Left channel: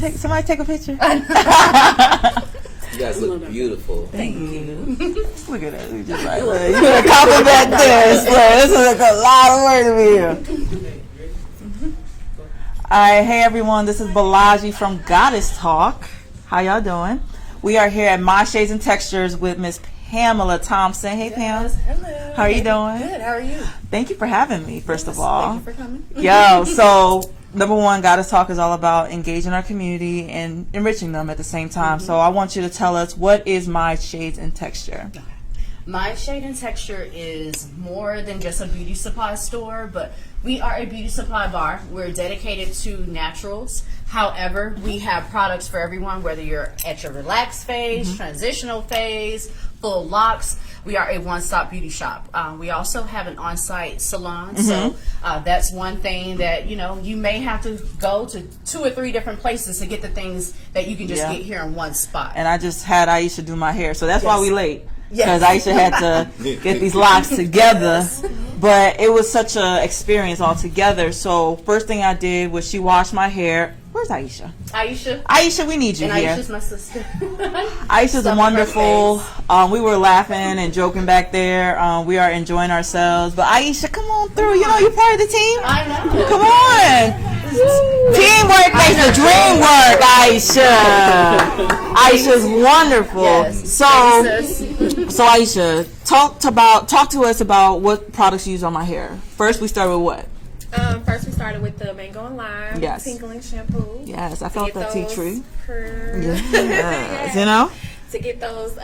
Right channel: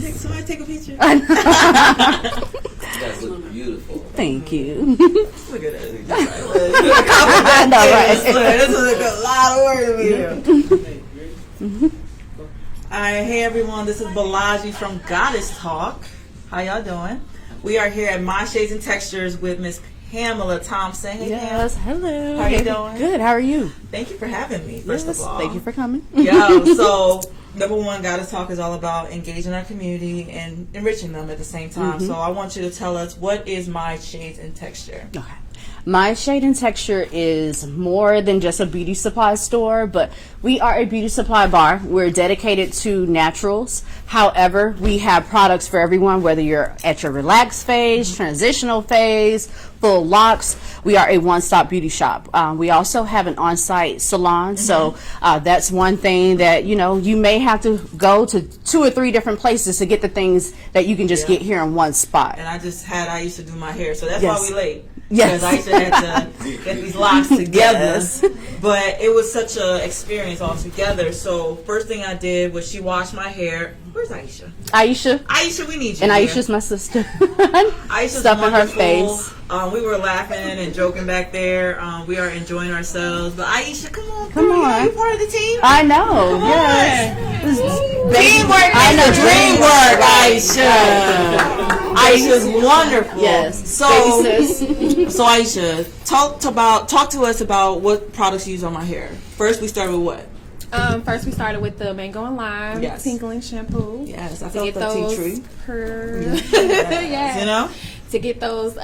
Somebody take a picture. You guys look beautiful. Tk you. Look at that. Just like, look, you gonna compliment this. This is a lot of work to be here. All right, hey everyone. This is Balaji from Goddess Talk. How y'all doing? We are here at My Shades and Textures with Miss Pamela Thompson. Hey, Yes, Pam. hello. How are you doing? Good. How are you? Thank you for having me, first of all. Thank you for coming. Yo, so number one, Goddess Talk is all about engaging our community and enriching them at the same time. So I want you to tell us, what is My Shades and Texture? Okay. My Shade and Texture is more than just a beauty supply store, but we are a beauty supply bar. We're dedicated to naturals. However, we have products for everyone, whether you're at your relaxed phase, transitional phase, full locks. We are a one-stop beauty shop. We also have an on-site salon, so that's one thing that, you may have to go to 2 or 3 different places to get the things that you can just get here in one spot. And I just had Aisha do my hair, so that's Yes. why we late. Yes. Because Aisha had to get these locks together. But it was such an experience altogether. So first thing I did was she washed my hair. Where's Aisha? Aisha, we need you And here. Aisha's my sister. Aisha's Stuff on her wonderful. face. We were laughing and joking back there. We are enjoying ourselves. But Aisha, come on through. on. You're part of the team. I know. Come yes. on. Teamwork makes the dream work, Aisha. Aisha's wonderful. Yes. So, Baby sis. so Aisha, talk to us about what products you use on my hair. First, we start with what? First, we started with the mango and lime tingling shampoo. Yes, I To felt get that tea those tree. Yes. You know? To get those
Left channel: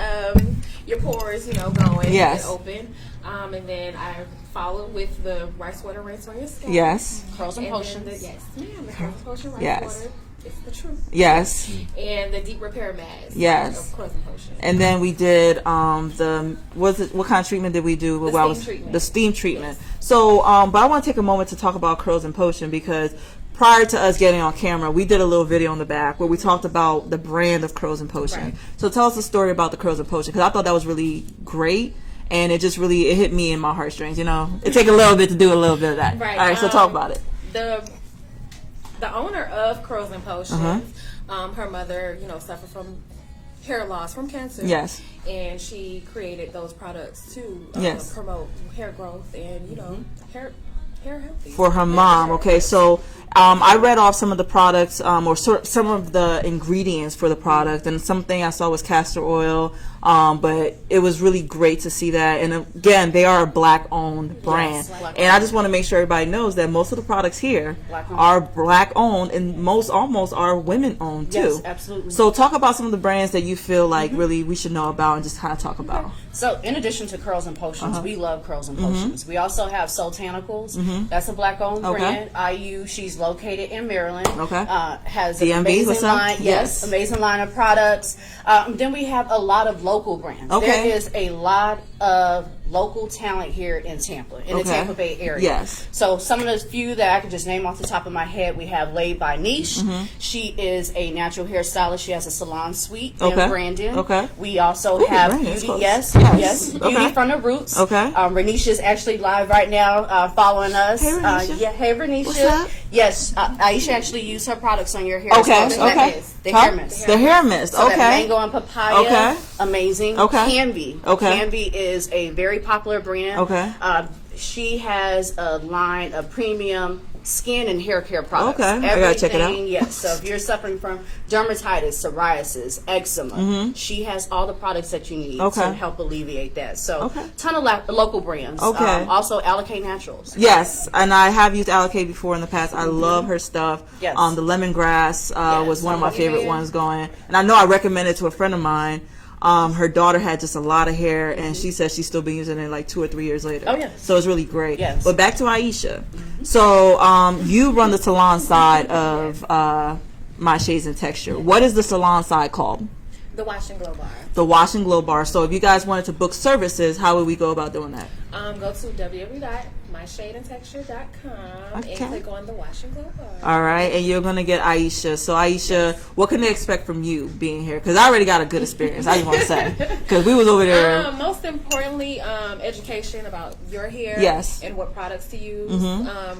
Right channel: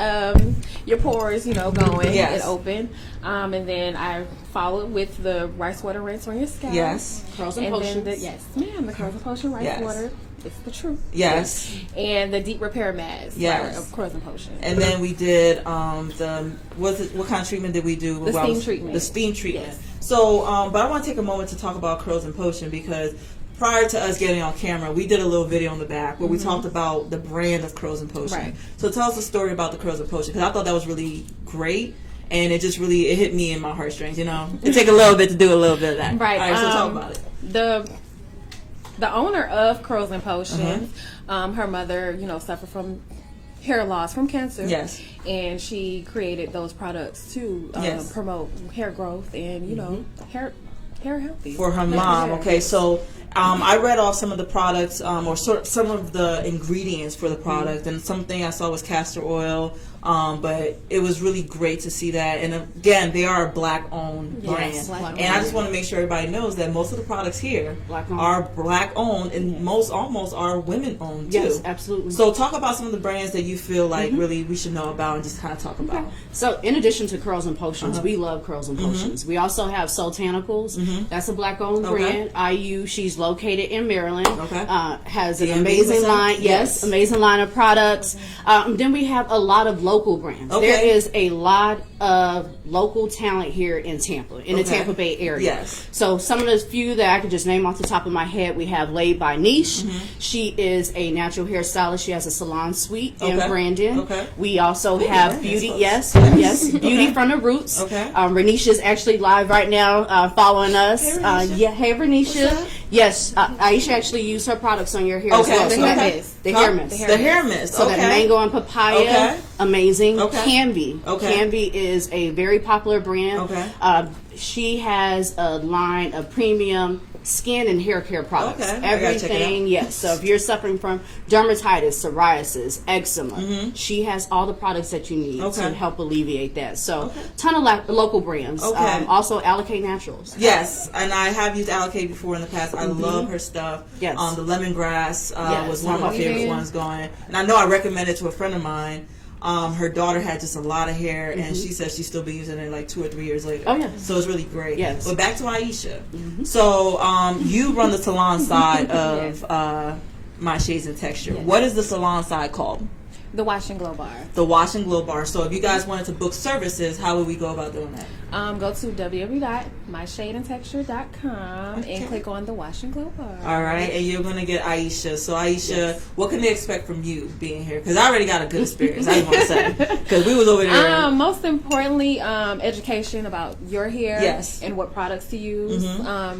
your pores, going, Yes. get open. And then I followed with the rice water rinse on your scalp. Yes. Curls and And then potions. yes, ma'am, the curls and potion rice Yes. water. It's the truth. Yes. And the deep repair mask. Yes. Of curls and potion. And then we did what kind of treatment did we do? The steam treatment. The steam treatment. So, but I want to take a moment to talk about Curls and Potion, because prior to us getting on camera, we did a little video on the back where we talked about the brand of Curls and Potion. Right. So tell us the story about the Curls and Potion, because I thought that was really great. And it just really, it hit me in my heartstrings, It take a little bit to do a little bit of that. Right. All right, so talk about it. The owner of Curls and Potions, her mother, suffered from hair loss from cancer. Yes. And she created those products to promote hair growth and hair healthy For her mom. Okay, so I read off some of the products, or some of the ingredients for the product, and something I saw was castor oil. But it was really great to see that. And again, they are a Black-owned brand. Yes, Black-owned. And I just want to make sure everybody knows that most of the products here are Black-owned, and almost are women-owned too. Yes, absolutely. So talk about some of the brands that you feel like really we should know about, and just kind of talk about. So in addition to Curls and Potions, we love Curls and Potions. We also have Sultanicals. That's a Black-owned brand. IU, she's located in Maryland. Okay. Has The an amazing MB%? line. Yes. Amazing line of products. Then we have a lot of local brands. Okay. There is a lot of local talent here in Tampa, in the Tampa Bay area. Yes. So some of the few that I can just name off the top of my head, we have Laid by Niche. She is a natural hairstylist. She has a salon suite in Brandon. Okay. We also have Brandon, Beauty. so- Yes. Okay. Beauty from the Roots. Okay. Renisha is actually live right now, following us. Hey, Renisha. Hey, Renisha. What's up? Yes, Aisha actually used her products on your hair. as Okay. well. So that Okay. is the hair mist. The hair mist. So Okay. that mango and papaya, Okay. amazing. Okay. Canvy. Okay. Canvy is a very popular brand. Okay. She has a line of premium skin and hair care products. Okay. I gotta check it out. Everything, yes. So if you're suffering from dermatitis, psoriasis, eczema, she has all the products that you need to help alleviate that. So ton of local brands. Okay. Also Allocate Naturals. Yes, and I have used Allocate before in the past. I love her stuff. Yes. The lemongrass was one of my Yes. favorite ones going. And I know I recommended it to a friend of mine. Her daughter had just a lot of hair, and she says she's still been using it like 2 or 3 years later. Oh, yes. So it's really great. Yes. But back to Aisha. So you run the salon side of My Shades and Texture. What is the salon side called? The Wash and Glow Bar. The Wash and Glow Bar. So if you guys wanted to book services, how would we go about doing that? Go to www.myshadeandtexture.com and click on the Wash and Glow bar. All right, and you're gonna get Aisha. So Aisha, what can they expect from you being here? Because I already got a good experience. I just want to say, because we was over there. Most importantly, education about your hair. Yes. And what products to use.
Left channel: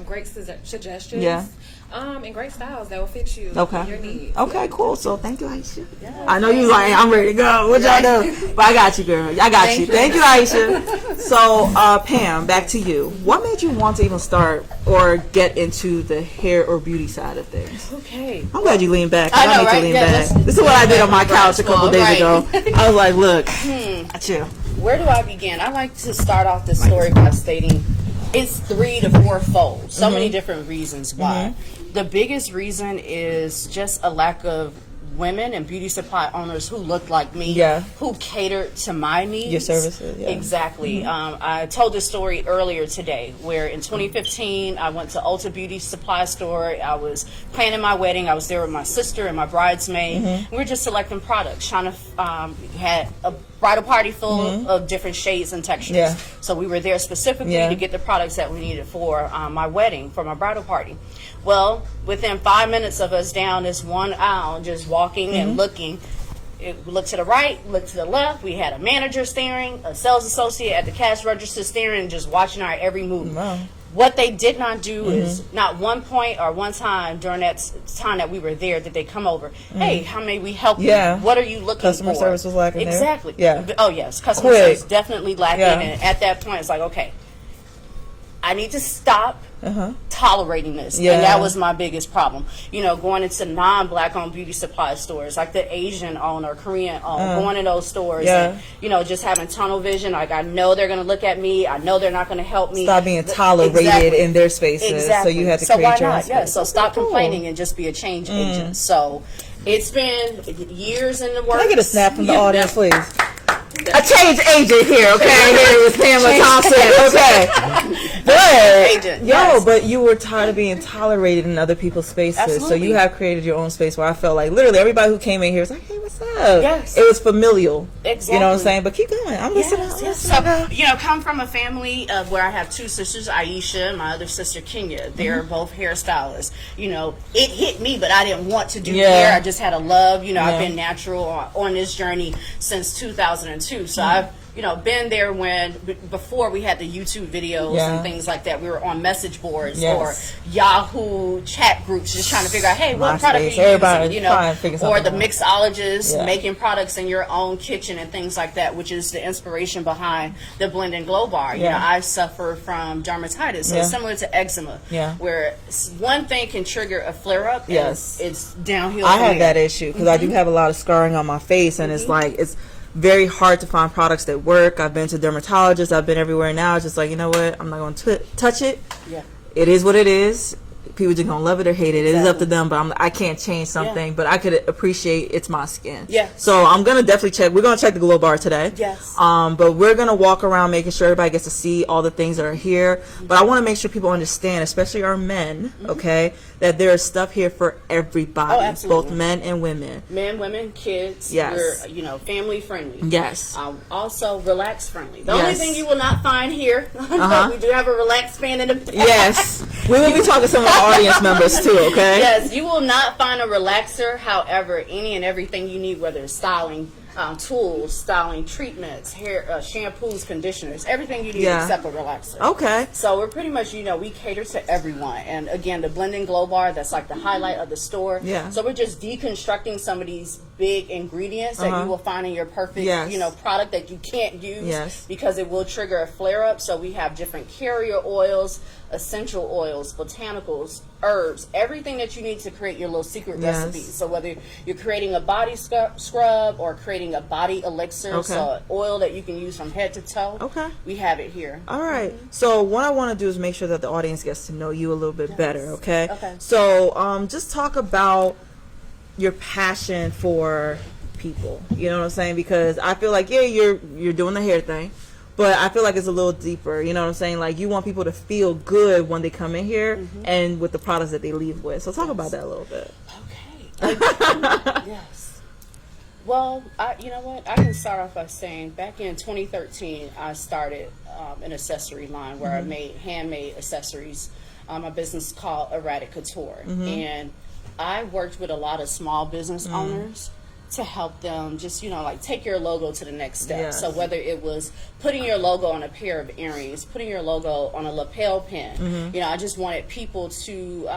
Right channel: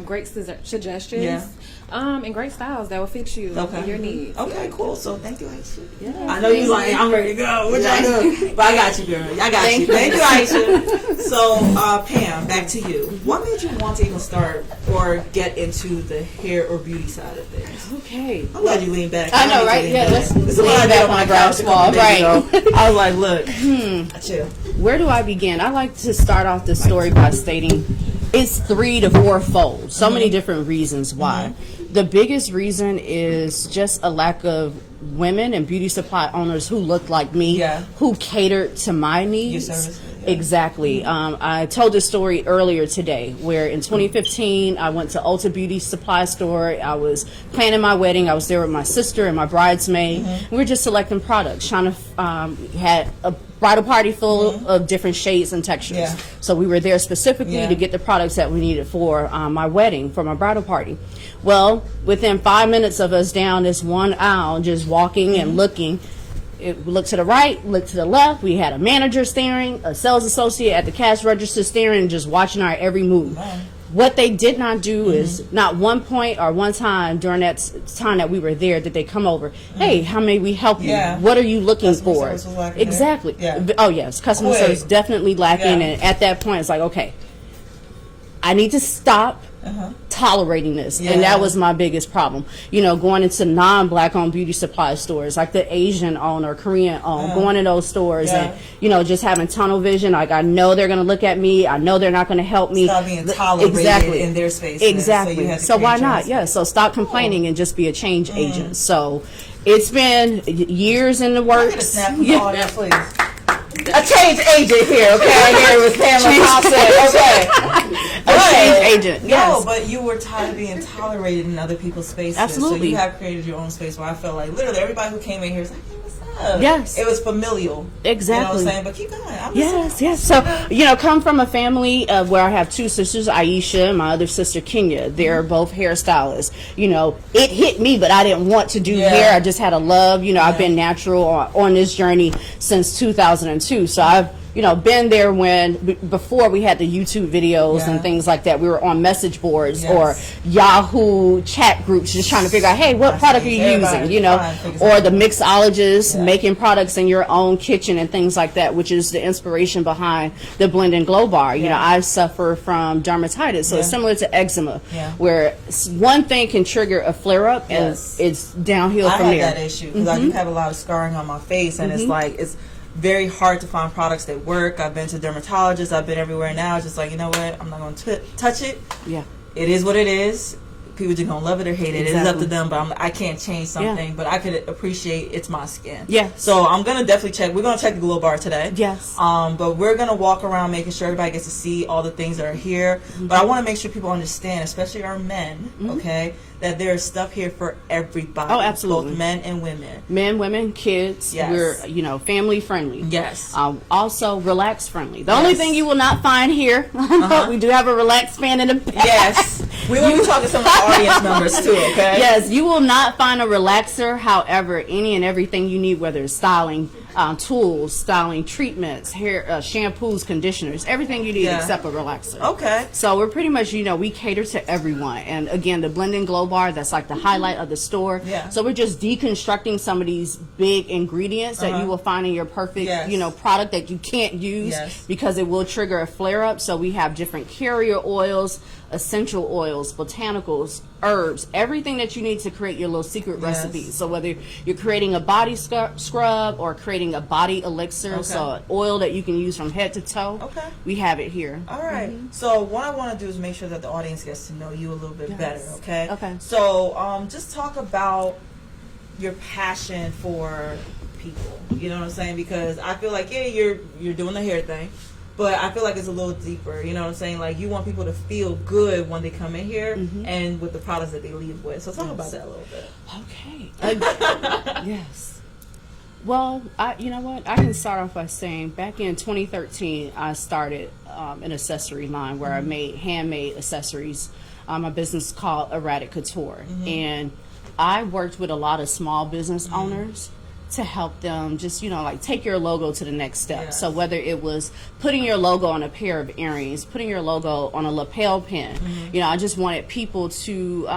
Great suggestions. Yeah. And great styles that will fit you. Okay. And your needs. Okay, cool. So thank you, Aisha. Yeah. I know you like, I'm ready to go. What y'all do? But I got you, girl. I got you. Thank you, Aisha. So, Pam, back to you. What made you want to even start or get into the hair or beauty side of things? Okay. I'm glad you leaned back. I know, need to right? lean Yeah, back. This is what I did on my couch a couple days ago. I was like, look, chill. Where do I begin? I like to start off the story by stating it's 3 to 4 fold. So many different reasons why. The biggest reason is just a lack of women and beauty supply owners who look like me, who cater to my needs. Your services, Exactly. I told this story earlier today where in 2015 I went to Ulta Beauty Supply Store. I was planning my wedding. I was there with my sister and my bridesmaid. We were just selecting products, trying to had a bridal party full of different shades and textures. So we were there specifically to get the products that we needed for my wedding, for my bridal party. Well, within 5 minutes of us down this one aisle, just walking and looking, it looked to the right, looked to the left. We had a manager staring, a sales associate at the cash register staring, just watching our every move. Wow. What they did not do is not one point or one time during that time that we were there did they come over. Hey, how may we help you? What are you looking Customer for? service was lacking exactly. there? Yeah. Oh yes, customer service definitely lacking. And at that point, it's like, okay, I need to stop tolerating this. And that was my biggest problem. You know, going into non-black owned beauty supply stores, like the Asian owned or Korean owned, going in those stores and, you know, just having tunnel vision. Like, I know they're going to look at me. I know they're not going to help me. Stop being tolerated in their spaces. Exactly. So you had to so create why your own not? space. Yeah. So stop complaining and just be a change agent. So it's been years in the works. Can I get a snap from the audience, please? A change agent here, okay? Here with Pam Thompson, okay? But but you were tired of being tolerated in other people's spaces, Absolutely. so you have created your own space where I felt like literally everybody who came in here was like, "Hey, what's up?" Yes. It was familial. Exactly. You know what I'm saying? But keep going. I'm listening. Yes. So, you know, come from a family where I have 2 sisters, Aisha and my other sister, Kenya. They're both hairstylists. You know, it hit me, but I didn't want to do hair. I just had a love. You know, I've been natural on this journey since 2002. So I've, you know, been there when before we had the YouTube videos and things like that. We were on message boards or Yahoo chat groups just trying to figure out, hey, what product are you using? You know, or the mixologists making products in your own kitchen and things like that, which is the inspiration behind the Blend and Glow bar. You know, I suffer from dermatitis, so it's similar to eczema, where one thing can trigger a flare up and it's downhill. I had that issue because I do have a lot of scarring on my face, and it's like it's very hard to find products that work. I've been to dermatologists. I've been everywhere now. Just like, you know what? I'm not going to touch it. It is what it is. People just going to love it or hate it. It is up to them, but I can't change something. But I could appreciate it's my skin. So I'm going to definitely check. We're going to check the Glow Bar today. But we're going to walk around making sure everybody gets to see all the things that are here. But I want to make sure people understand, especially our men, okay, that there is stuff here for everybody. Oh, absolutely. Both men and women. Men, women, kids. We're, you know, family friendly. Also relax friendly. The only thing you will not find here, we do have a relax fan in the back. We will be talking to some of our audience members too, okay? Yes, you will not find a relaxer. However, any and everything you need, whether it's styling tools, styling treatments, hair, shampoos, conditioners, everything you need except a relaxer. Okay. So we're pretty much, you know, we cater to everyone. And again, the Blend and Glow bar, that's like the highlight of the store. So we're just deconstructing some of these big ingredients that you will find in your perfect, you know, product that you can't use because it will trigger a flare up. So we have different carrier oils, essential oils, botanicals, herbs, everything that you need to create your little secret recipes. So whether you're creating a body scrub or creating a body elixir, so an oil that you can use from head to toe, we have it here. All right. So what I want to do is make sure that the audience gets to know you a little bit better, okay? So just talk about your passion for people. You know what I'm saying? Because I feel like, you're doing the hair thing, but I feel like it's a little deeper. You know what I'm saying? Like, you want people to feel good when they come in here and with the products that they leave with. So talk about that a little bit. Okay. Well, you know what? I can start off by saying back in 2013, I started an accessory line where I made handmade accessories. A business called Erratic Couture. And I worked with a lot of small business owners to help them just, like take your logo to the next step. Yes. So whether it was putting your logo on a pair of earrings, putting your logo on a lapel pin, I just wanted people to,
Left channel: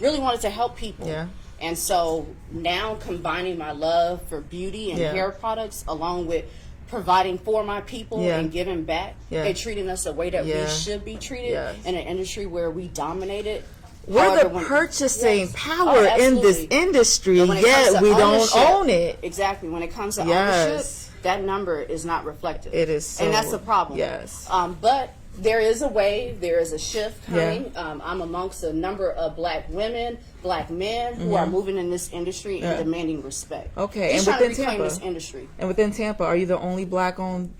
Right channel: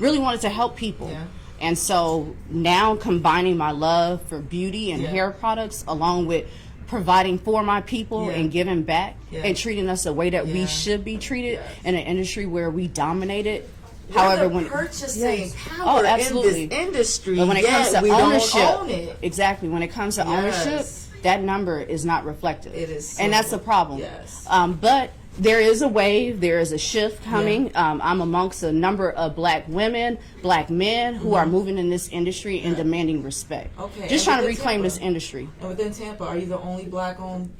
really wanted to help people. Yeah. And so now combining my love for beauty and hair products along with providing for my people and giving back and treating us the way that we should be treated in an industry where we dominated. We're the purchasing power in this industry, yet we don't own it. Exactly. When it comes to ownership, that number is not reflected. It is so, and that's the problem. Yes. But there is a wave, there is a shift coming. I'm amongst a number of black women, black men who are moving in this industry and demanding respect. Okay. Just trying to reclaim this industry. And within Tampa, are you the only black-owned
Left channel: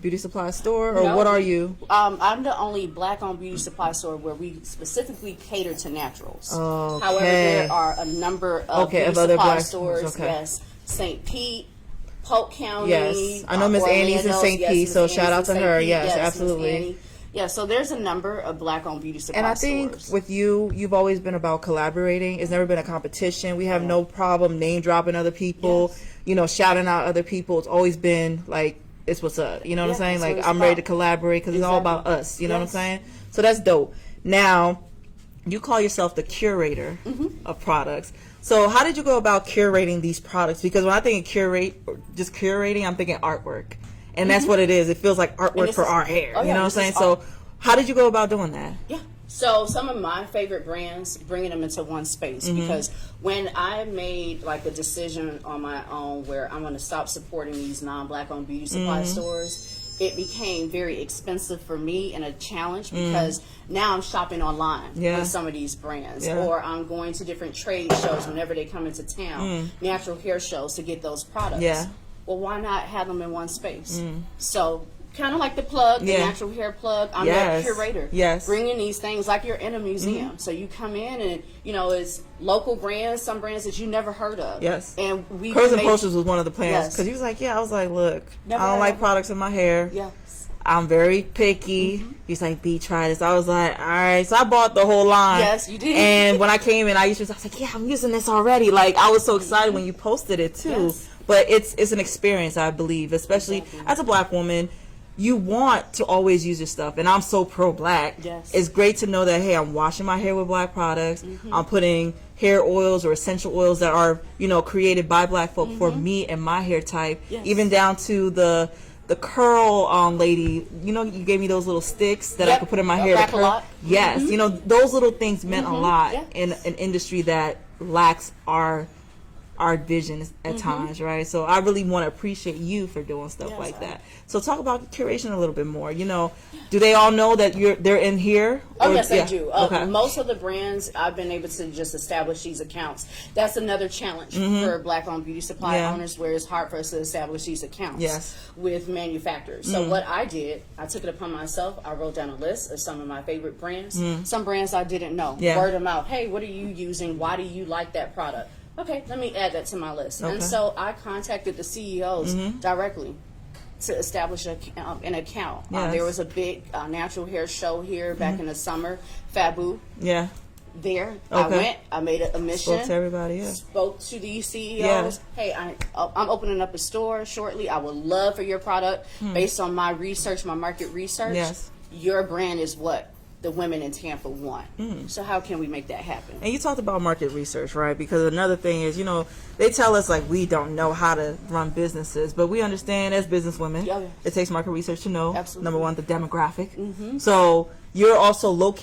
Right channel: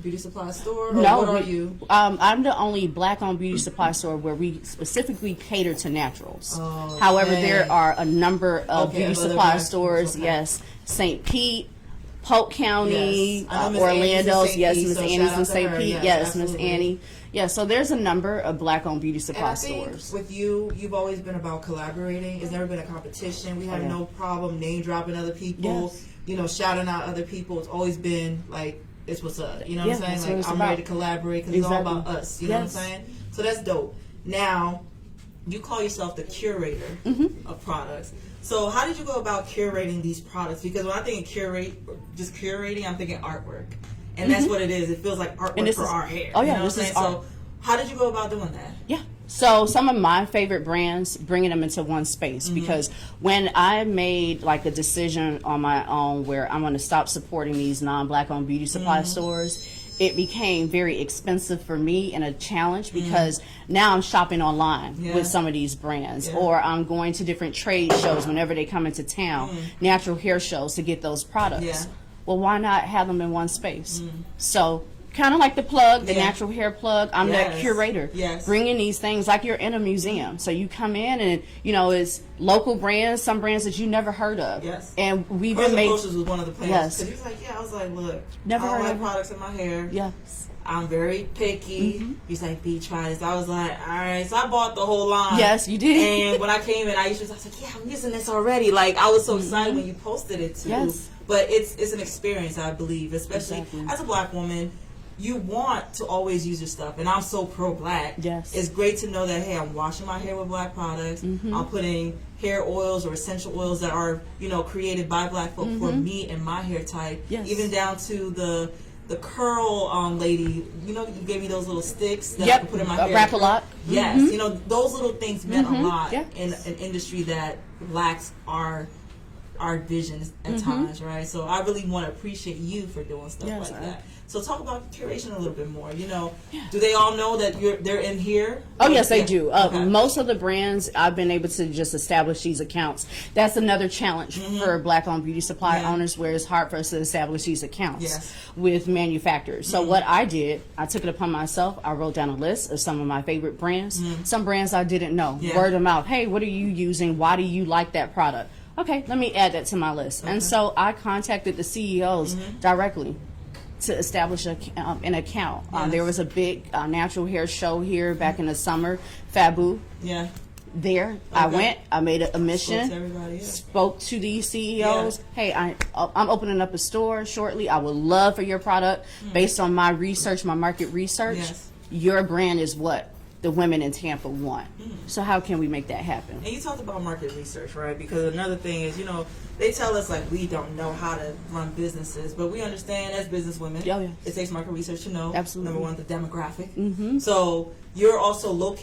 beauty supply store, or No. what are you? I'm the only black-owned beauty supply store where we specifically cater to naturals. Okay. However, there are a number of beauty of other supply black stores. stores, Yes, St. Pete, Polk County. Yes. I know Miss Annie's in St. Pete, so shout out to her. Yes, absolutely. Miss Annie. Yeah, so there's a number of black-owned beauty supply And I stores. think with you've always been about collaborating. It's never been a competition. We have no problem name dropping other people, shouting out other people. It's always been like, it's what's up. You know what I'm saying? Like, I'm ready to collaborate because it's all about us. You know what I'm saying? So that's dope. Now, you call yourself the curator of products. So how did you go about curating these products? Because when I think of just curating, I'm thinking artwork. And that's what it is. It feels like artwork for our hair. You know what I'm saying? So how did you go about doing that? Yeah. So some of my favorite brands, bringing them into one space, because when I made like a decision on my own where I'm going to stop supporting these non-black owned beauty supply stores, it became very expensive for me and a challenge because now I'm shopping online with some of these brands, or I'm going to different trade shows whenever they come into town, natural hair shows to get those products. Yeah. Well, why not have them in one space? So kind of like the plug, the natural hair plug. I'm that curator, bringing these things like you're in a museum. So you come in and it's local brands, some brands that you never heard of. Yes. And we Curls and Potions was one of the plans because he was like, I was like, look, Never I don't like heard. products in my hair. Yes. I'm very picky. He's like, B, try this. I was like, all right. So I bought the whole line. Yes, you did. And when I came in, I was like, yeah, I'm using this already. Like, I was so excited when you posted it too. Yes. But it's an experience, I believe, especially as a black woman. You want to always use your stuff, and I'm so pro-black. Yes. It's great to know that, hey, I'm washing my hair with black products. I'm putting hair oils or essential oils that are, created by black folk for me and my hair type. Yes. Even down to the curl lady. You gave me those little sticks that I could put in my hair. Wrap a lot. Yes. Those little things meant a lot in an industry that lacks our vision at times, right? So I really want to appreciate you for doing stuff like that. So talk about curation a little bit more. Do they all know that they're in here? Oh, yes, they do. Okay. Most of the brands, I've been able to just establish these accounts. That's another challenge for black-owned beauty supply owners, where it's hard for us to establish these accounts with manufacturers. So what I did, I took it upon myself. I wrote down a list of some of my favorite brands. Some brands I didn't know. Word of mouth. Hey, what are you using? Why do you like that product? Okay, let me add that to my list. And so I contacted the CEOs directly to establish an account. There was a big natural hair show here back in the summer, Fabu. Yeah. There, I went. I made a mission. Spoke to everybody. Yeah. Spoke to these CEOs. Hey, I'm opening up a store shortly. I would love for your product based on my research, my market research. Yes. Your brand is what the women in Tampa want. So how can we make that happen? And you talked about market research, right? Because another thing is, they tell us like we don't know how to run businesses, but we understand as businesswomen, it takes market research to know. Absolutely. Number one, the demographic. So you're also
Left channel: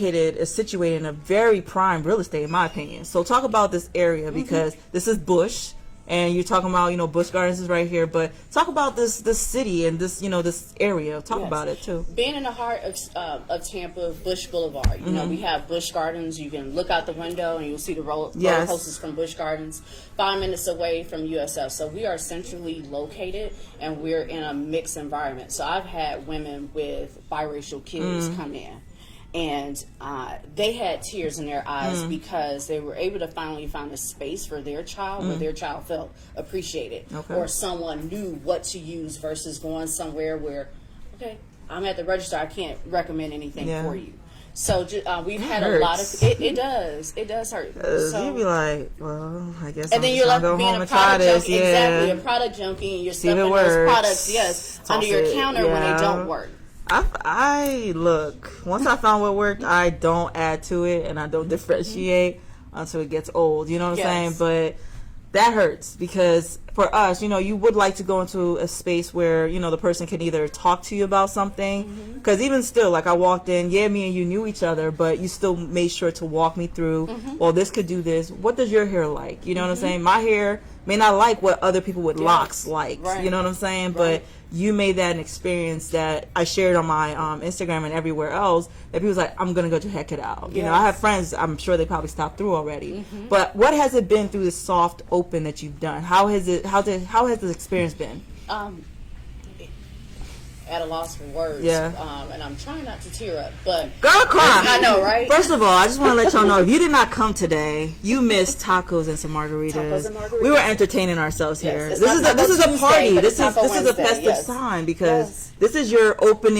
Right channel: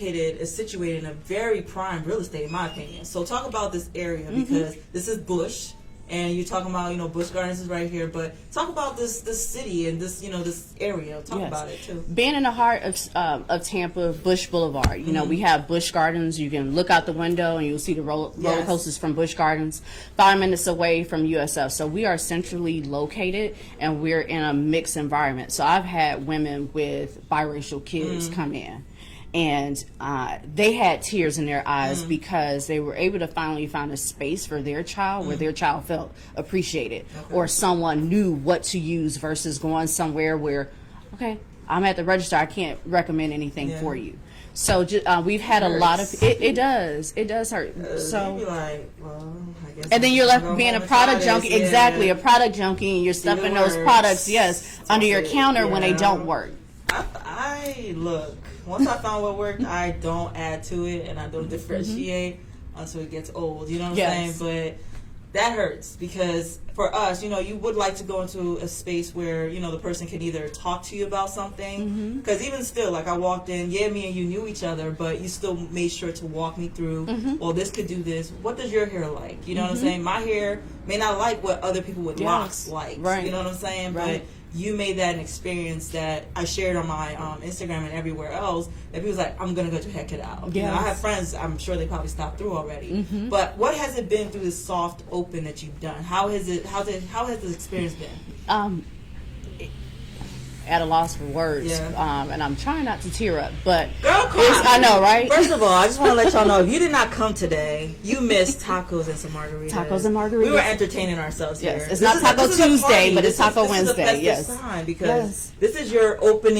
situated in a very prime real estate, in my opinion. So talk about this area because this is Bush. And you're talking about, Busch Gardens is right here, but talk about this city and this, this area. Talk about it too. Being in the heart of Tampa, Busch Boulevard, we have Busch Gardens. You can look out the window and you'll see the roller coasters from Busch Gardens. 5 minutes away from USF. So we are centrally located and we're in a mixed environment. So I've had women with biracial kids come in. and they had tears in their eyes because they were able to finally find a space for their child where their child felt appreciated, or someone knew what to use versus going somewhere where, okay, I'm at the register, I can't recommend anything for you. So we've had a lot of it does hurt. So you'd be like, well, I guess. And then you're left being a product junkie, exactly, a product junkie, and you're stuffing those products, under your counter when they don't work. I look, once I found what worked, I don't add to it, and I don't differentiate until it gets old. You know what I'm saying? But that hurts, because for us, you would like to go into a space where, the person can either talk to you about something, because even still, like I walked in, me and you knew each other, but you still made sure to walk me through, well, this could do this. What does your hair like? You know what I'm saying? My hair may not like what other people with locks like. Right. You know what I'm saying? But you made that an experience that I shared on my Instagram and everywhere else, that people's like, I'm going to go check it out. You know, I have friends, I'm sure they probably stopped through already. But what has it been through this soft open that you've done? How has the experience been? At a loss for words. And I'm trying not to tear up, but girl, cry. I know, right? First of all, I just want to let y'all know, if you did not come today, you missed tacos and some margaritas. Tacos and margaritas. We were entertaining ourselves here. This is a party. This is a festive time, because this is your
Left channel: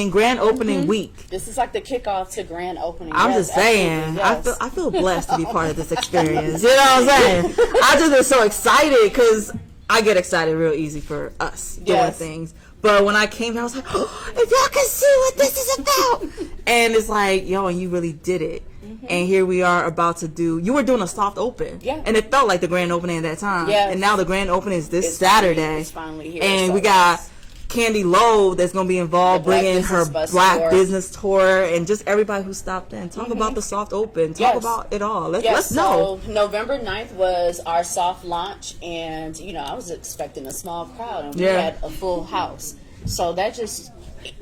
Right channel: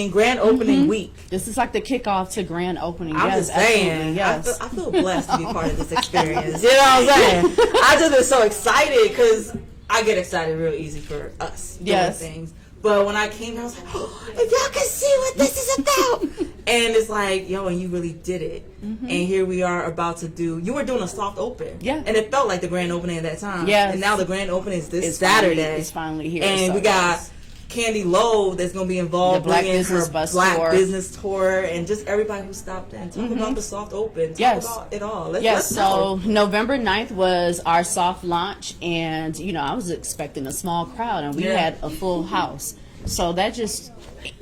grand opening week. This is like the kickoff to grand opening. I'm just saying, I feel blessed to be part of this experience. You know what I'm saying? I just been so excited, because I get excited real easy for us doing things. But when I came here, I was like, oh, if y'all can see what this is about. And it's like, and you really did it. And here we are about to you were doing a soft open. And it felt like the grand opening at that time. And now the grand opening is this Saturday. It's finally here. And we got Candy Lowe that's going to be involved, bringing her Black Business Tour, and just everybody who stopped in. Talk about the soft open. Talk about it all. Let's know. So November 9th was our soft launch, and I was expecting a small crowd, and we had a full house. So that just,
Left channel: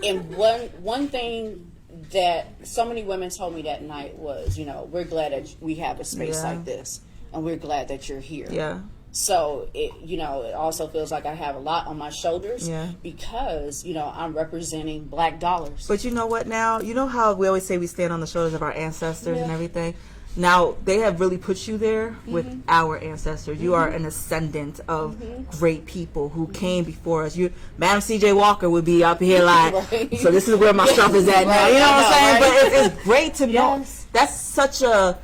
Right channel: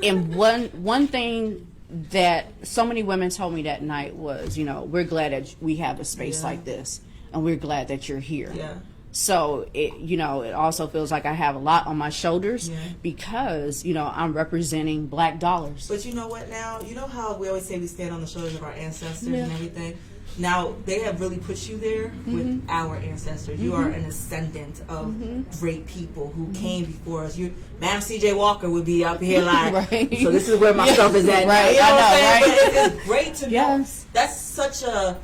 and one thing that so many women told me that night was, we're glad that we have a space like this, and we're glad that you're here. So it also feels like I have a lot on my shoulders, because I'm representing Black dollars. But you know what? Now, you know how we always say we stand on the shoulders of our ancestors and everything. Now they have really put you there with our ancestors. You are an ascendant of great people who came before us. Madam C.J. Walker would be up here like, so this is where my stuff is at now. You know what I'm saying? But it's great to know. That's such a.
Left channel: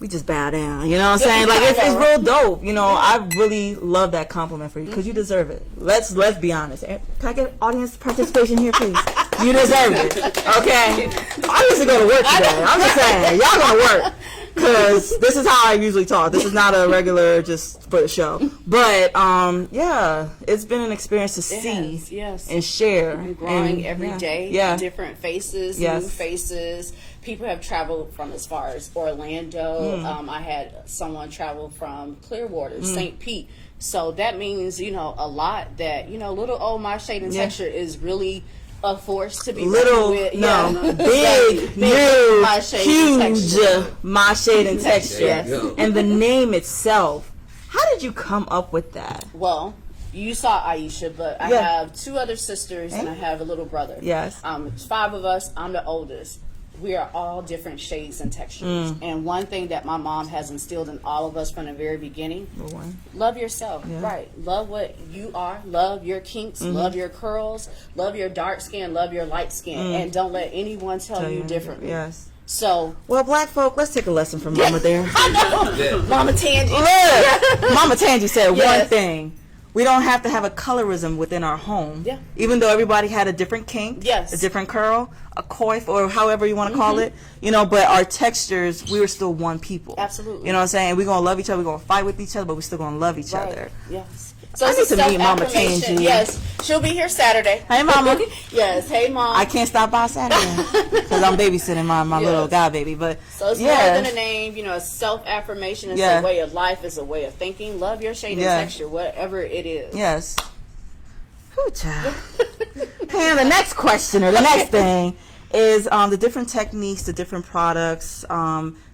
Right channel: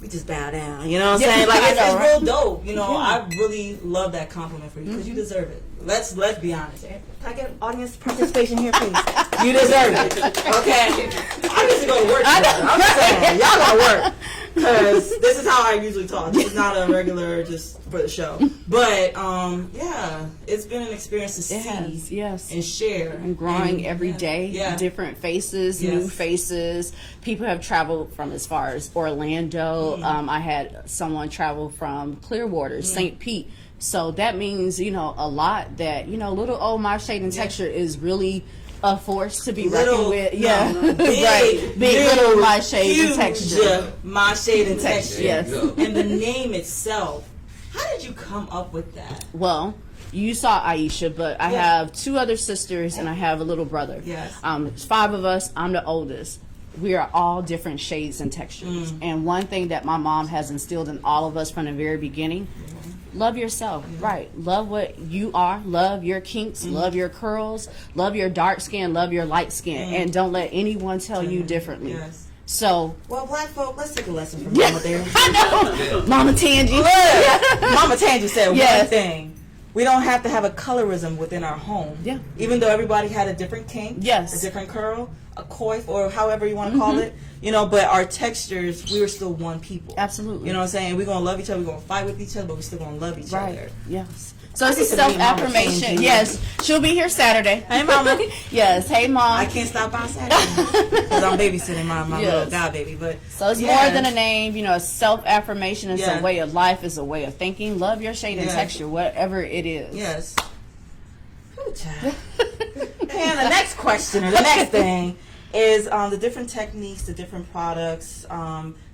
We just bow down, you know what I'm saying? Like, it's real dope. I really love that compliment for you, because you deserve it. Let's be honest. Can I get audience participation here, please? You deserve it, okay? I used to go to work today. I'm just saying, y'all gonna work, because this is how I usually talk. This is not a regular just for the show. But, it's been an experience to see and share. And growing every day. Different faces, new faces. People have traveled from as far as Orlando. I had someone travel from Clearwater, St. Pete. So that means, a lot that, little old My Shade and Texture is really a force to be reckoned with. Big, huge My Shade and Texture. And the name itself, how did you come up with that? Well, you saw Aisha, but I have two other sisters and I have a little brother. It's 5 of us. I'm the oldest. We are all different shades and textures. And one thing that my mom has instilled in all of us from the very beginning, love yourself. Love what you are. Love your kinks. Love your curls. Love your dark skin. Love your light skin. And don't let anyone tell you differently. So, well, Black folk, let's take a lesson from Mama there. Mama Tangy. Mama Tangy said one thing. We don't have to have a colorism within our home. Even though everybody had a different kink, a different curl, a coif, or however you want to call it, but our textures, we were still one people. Absolutely. You know what I'm saying? We're going to love each other, we're going to fight with each other, but we're still going to love each other. So it's a self-affirmation. Yes. She'll be here Saturday. Hey, Mama. Yes. Hey, Mom. I can't stop by Saturday because I'm babysitting my little guy baby. But so it's more than a name. A self-affirmation is a way of life. It's a way of thinking. Love your shade and texture, whatever it is. Yes. Whew, child. Pam, the next question or the next thing is the different techniques, the different products,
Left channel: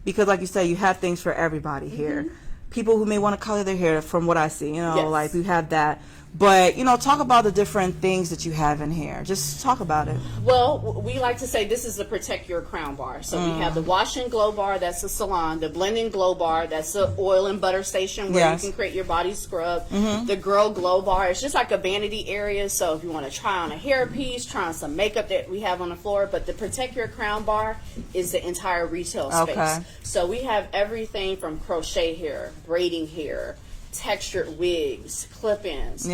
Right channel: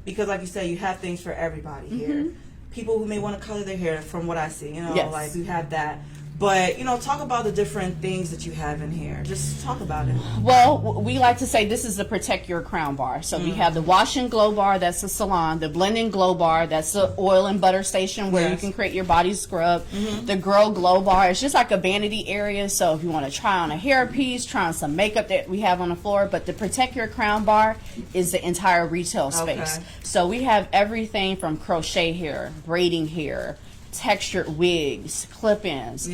because like you said, you have things for everybody here. People who may want to color their hair, from what I see, like we have that. But, talk about the different things that you have in here. Just talk about it. Well, we like to say this is the Protect Your Crown bar. So we have the Wash and Glow bar, that's a salon. The Blend and Glow bar, that's the oil and butter station where you can create your body scrub. The Girl Glow bar, it's just like a vanity area. So if you want to try on a hairpiece, try on some makeup that we have on the floor. But the Protect Your Crown bar is the entire retail space. Okay. So we have everything from crochet hair, braiding hair, textured wigs, clip-ins,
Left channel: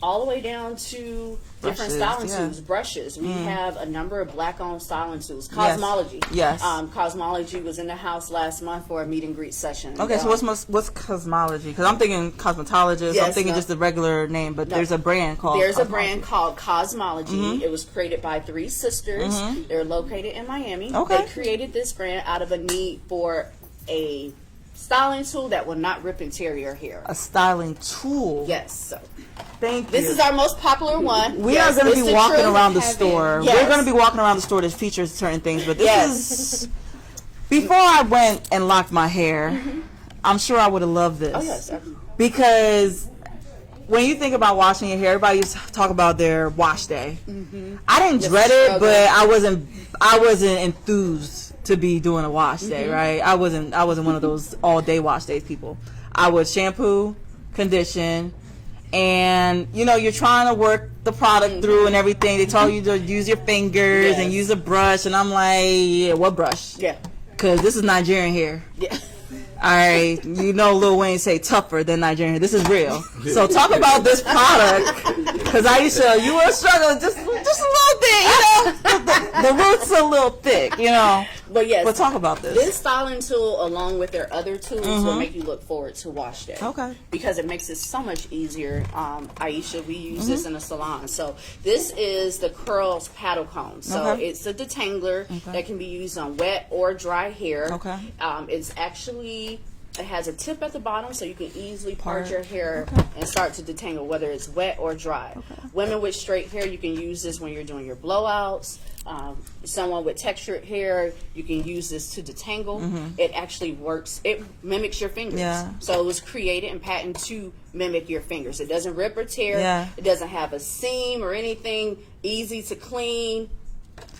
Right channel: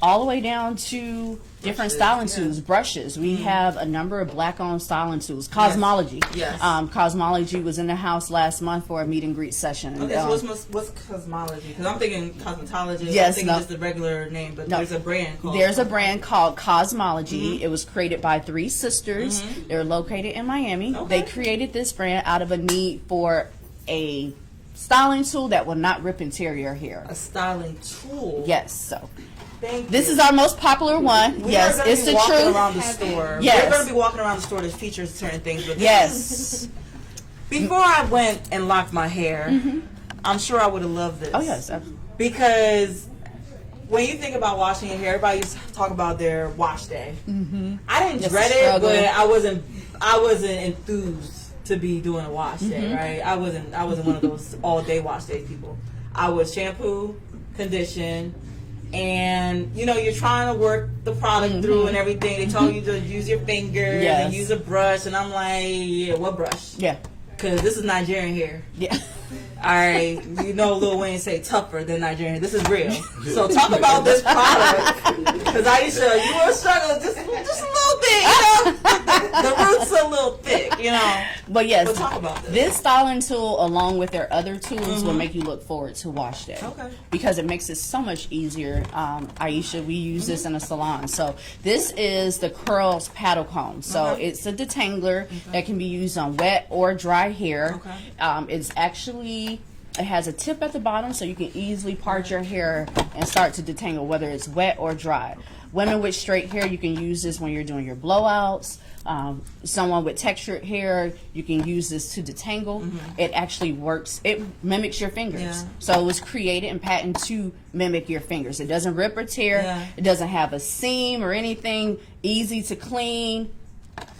all the way down to different styling tools, brushes. We have a number of black-owned styling tools. Cosmology. Yes. Cosmology was in the house last month for a meet and greet session. Okay, so what's Cosmology? Because I'm thinking cosmetologist. I'm thinking just the regular name, but there's a brand called There's a brand called Cosmology. It was created by 3 sisters. They're located in Miami. Okay. They created this brand out of a need for a styling tool that will not rip and tear your hair. A styling tool. Yes. So thank you. this is our most popular one. We are going to be walking around the store. Yes. We're going to be walking around the store that features certain things, but this is before I went and locked my hair. I'm sure I would have loved this. Oh yes, sir. Because when you think about washing your hair, everybody used to talk about their wash day. I didn't dread it, but I wasn't enthused to be doing a wash day, right? I wasn't one of those all day wash days people. I would shampoo, condition, and you're trying to work the product through and everything. They tell you to use your fingers and use a brush, and I'm like, yeah, what brush? Yeah, because this is Nigerian hair. Yeah. All right, Lil Wayne say tougher than Nigerian. This is real. So talk about this product, because Aisha, you were struggling just a little bit. The roots are a little thick, But yes, but talk about this. This styling tool, along with their other tools, will make you look forward to wash day. Okay. Because it makes it so much easier. Aisha, we use this in a salon. So this is the Curls paddle comb. So it's a detangler that can be used on wet or dry hair. Okay. It's actually, it has a tip at the bottom, so you can easily part your hair and start to detangle, whether it's wet or dry. Women with straight hair, you can use this when you're doing your blowouts. Someone with textured hair, you can use this to detangle. It actually works. It mimics your fingers. Yeah. So it was created and patented to mimic your fingers. It doesn't rip or tear. Yeah. It doesn't have a seam or anything. Easy to clean.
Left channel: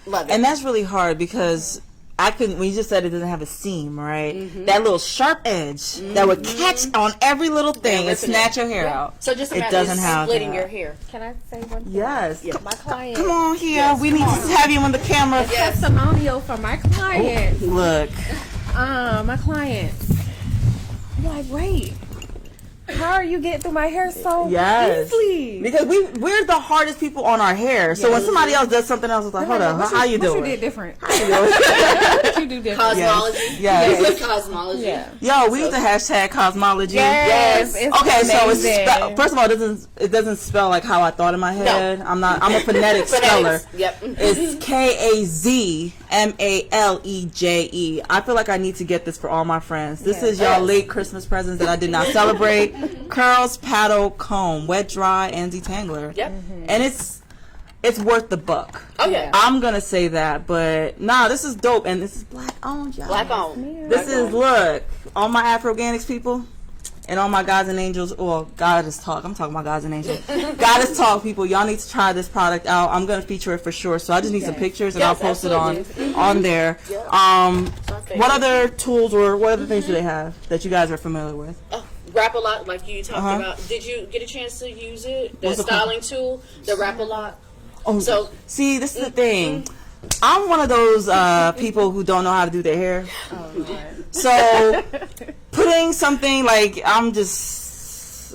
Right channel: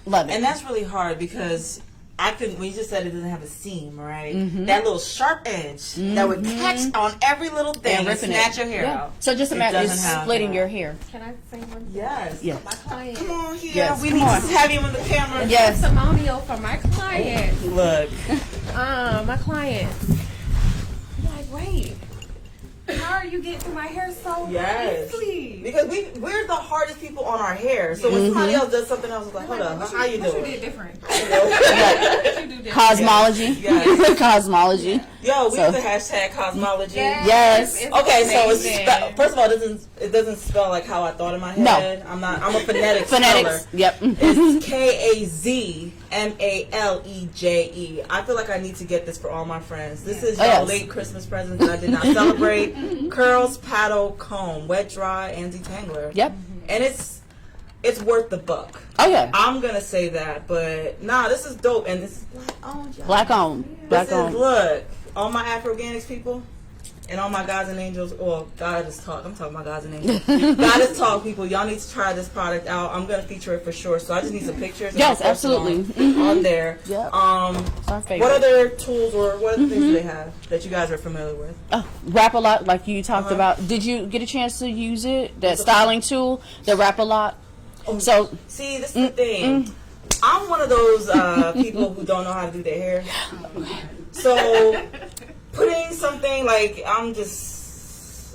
Love it. And that's really hard because when you just said it doesn't have a seam, right? That little sharp edge that would catch on every little thing and snatch your hair out. So just imagine splitting your hair. Can I say one thing? Yes. My client. Come on here. Yes, we need to have you on the camera. Testimonial for my client. Oh, look. My client. You're like, wait. How are you getting through my hair so easily? Because we're the hardest people on our hair. So when somebody else does something else, it's like, hold on, how you doing? What you did different? What you do different? Cosmology. Yes. Cosmology. Yeah. Yo, we use the hashtag Cosmology. Yes. Okay, so it's first of all, it doesn't spell like how I thought in my head. No. I'm a phonetic speller. Yep. It's KAZMALEJE. I feel like I need to get this for all my friends. This is y'all late Christmas presents that I did not celebrate. Curls paddle comb, wet, dry, and detangler. Yep. And it's worth the buck. Oh yeah. I'm gonna say that, but this is dope, and this is black owned, y'all. Black owned. This is look, all my Afro-Organics people. And all my gods and angels, Goddess Talk. I'm talking about gods and angels. Goddess Talk people, y'all need to try this product out. I'm going to feature it for sure. So I just need some pictures and I'll post it on there. Yep. What other tools or what other things do they have that you guys are familiar with? Wrap-A-Lot, like you talked about. Did you get a chance to use it? The styling tool, the Wrap-A-Lot? So, see, this is the thing. I'm one of those people who don't know how to do their hair. So putting something like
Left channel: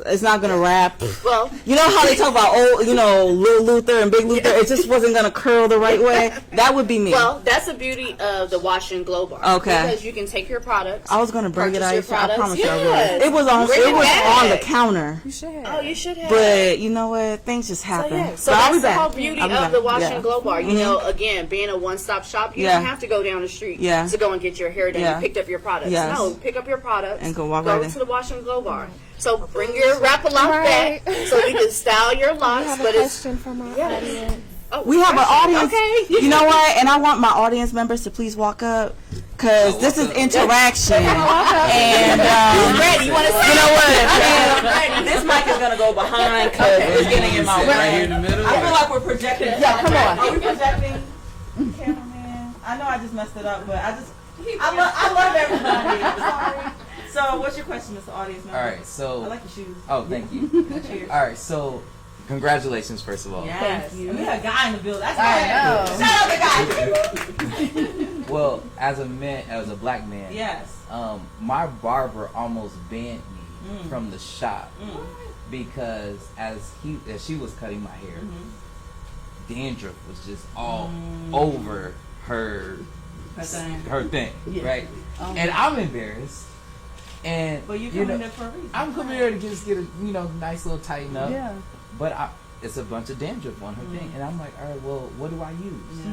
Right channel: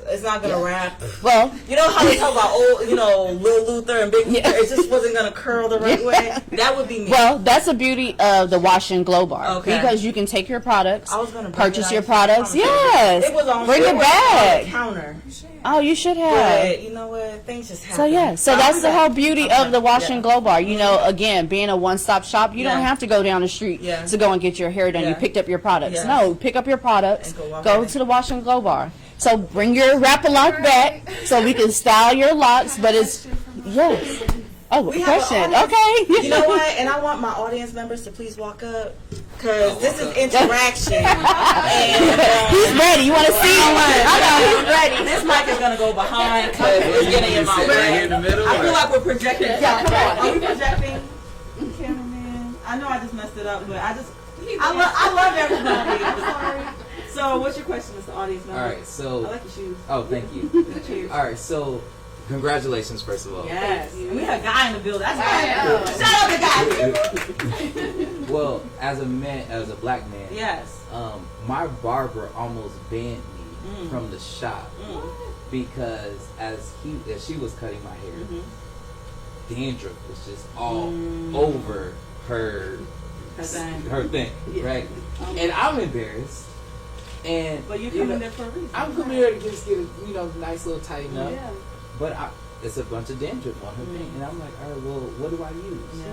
it's not gonna wrap. Well, you know how they talk about Lil Luther and Big Luther. It just wasn't gonna curl the right way. That would be me. Well, that's the beauty of the Wash and Glow bar. Okay. Because you can take your products. I was gonna purchase your products. Yes. It was on the counter. You should have. Oh, you should have. But you know what? Things just happen. So that's the whole beauty of the Wash and Glow bar. You know, again, being a one-stop shop, you don't have to go down the street to go and get your hair done. You picked up your products. Yes. No, pick up your products and go to the Wash and Glow bar. So bring your Wrap-A-Lot back so we can style your locks. But it's we have an audience. Okay. You know what? And I want my audience members to please walk up because this is interaction. And ready? You want to see? Ready? This mic is gonna go behind because is getting in my way. Right here in the middle. I feel like we're projecting. Yeah, come on. Are we projecting? Cameraman. I know I just messed it up, but I love everybody. So, what's your question, Mr. Audience member? All right, so. I like your shoes. Oh, thank you. Cheers. All right, so congratulations, first of all. Yes. And we had a guy in the building. That's right. Shout out the guy. Well, as a black man, Yes. my barber almost banned me from the shop because as she was cutting my hair, dandruff was just all over her thing, right? And I'm embarrassed. And But you're coming there for a reason. I'm coming there to just get a nice little tighten up. Yeah. But it's a bunch of dandruff on her thing, and I'm like, all right, well, what do I use?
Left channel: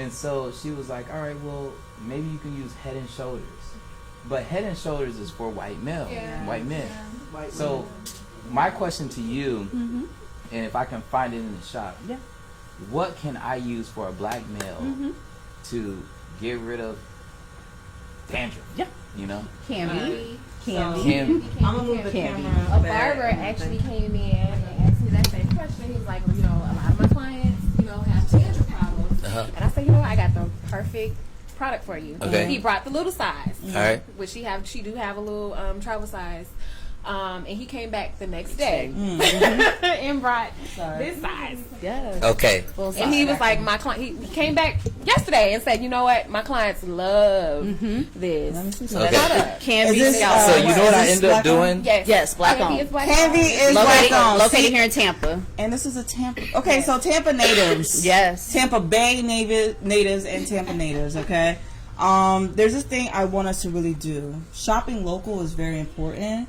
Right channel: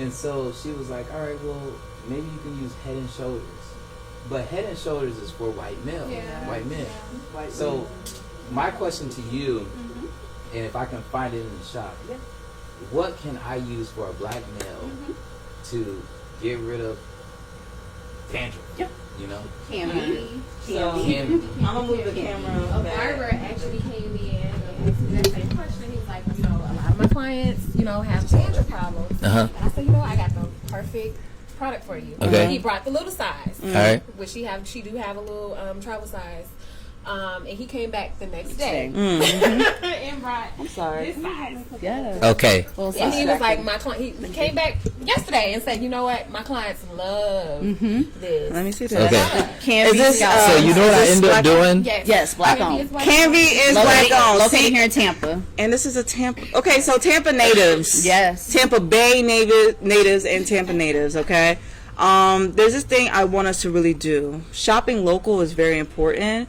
And so she was like, all right, well, maybe you can use Head and Shoulders, but Head and Shoulders is for white men. So my question to you, and if I can find it in the shop, what can I use for a black male to get rid of dandruff? You know? Candy. So, I'm gonna move the camera A back. barber actually came in and asked me that same question. He's like, well, you know, a lot of my clients, you know, have dandruff problems. And I said, you know, I got the perfect product for you. Okay. He brought the little size. All right. Which she do have a little travel size. And he came back the next day and brought this size. Yes. Okay. Full And size. he was like, my client. He came back yesterday and said, you know what, my clients love this. Let me see Okay. Canvy Is this, scalp. So you know what I end up doing? Yes, black on. Canvy is black on. Located here in Tampa. And this is a Tampa. Okay, so Tampa natives. Yes. Tampa Bay natives and Tampa natives, okay? There's this thing I want us to really do. Shopping local is very important,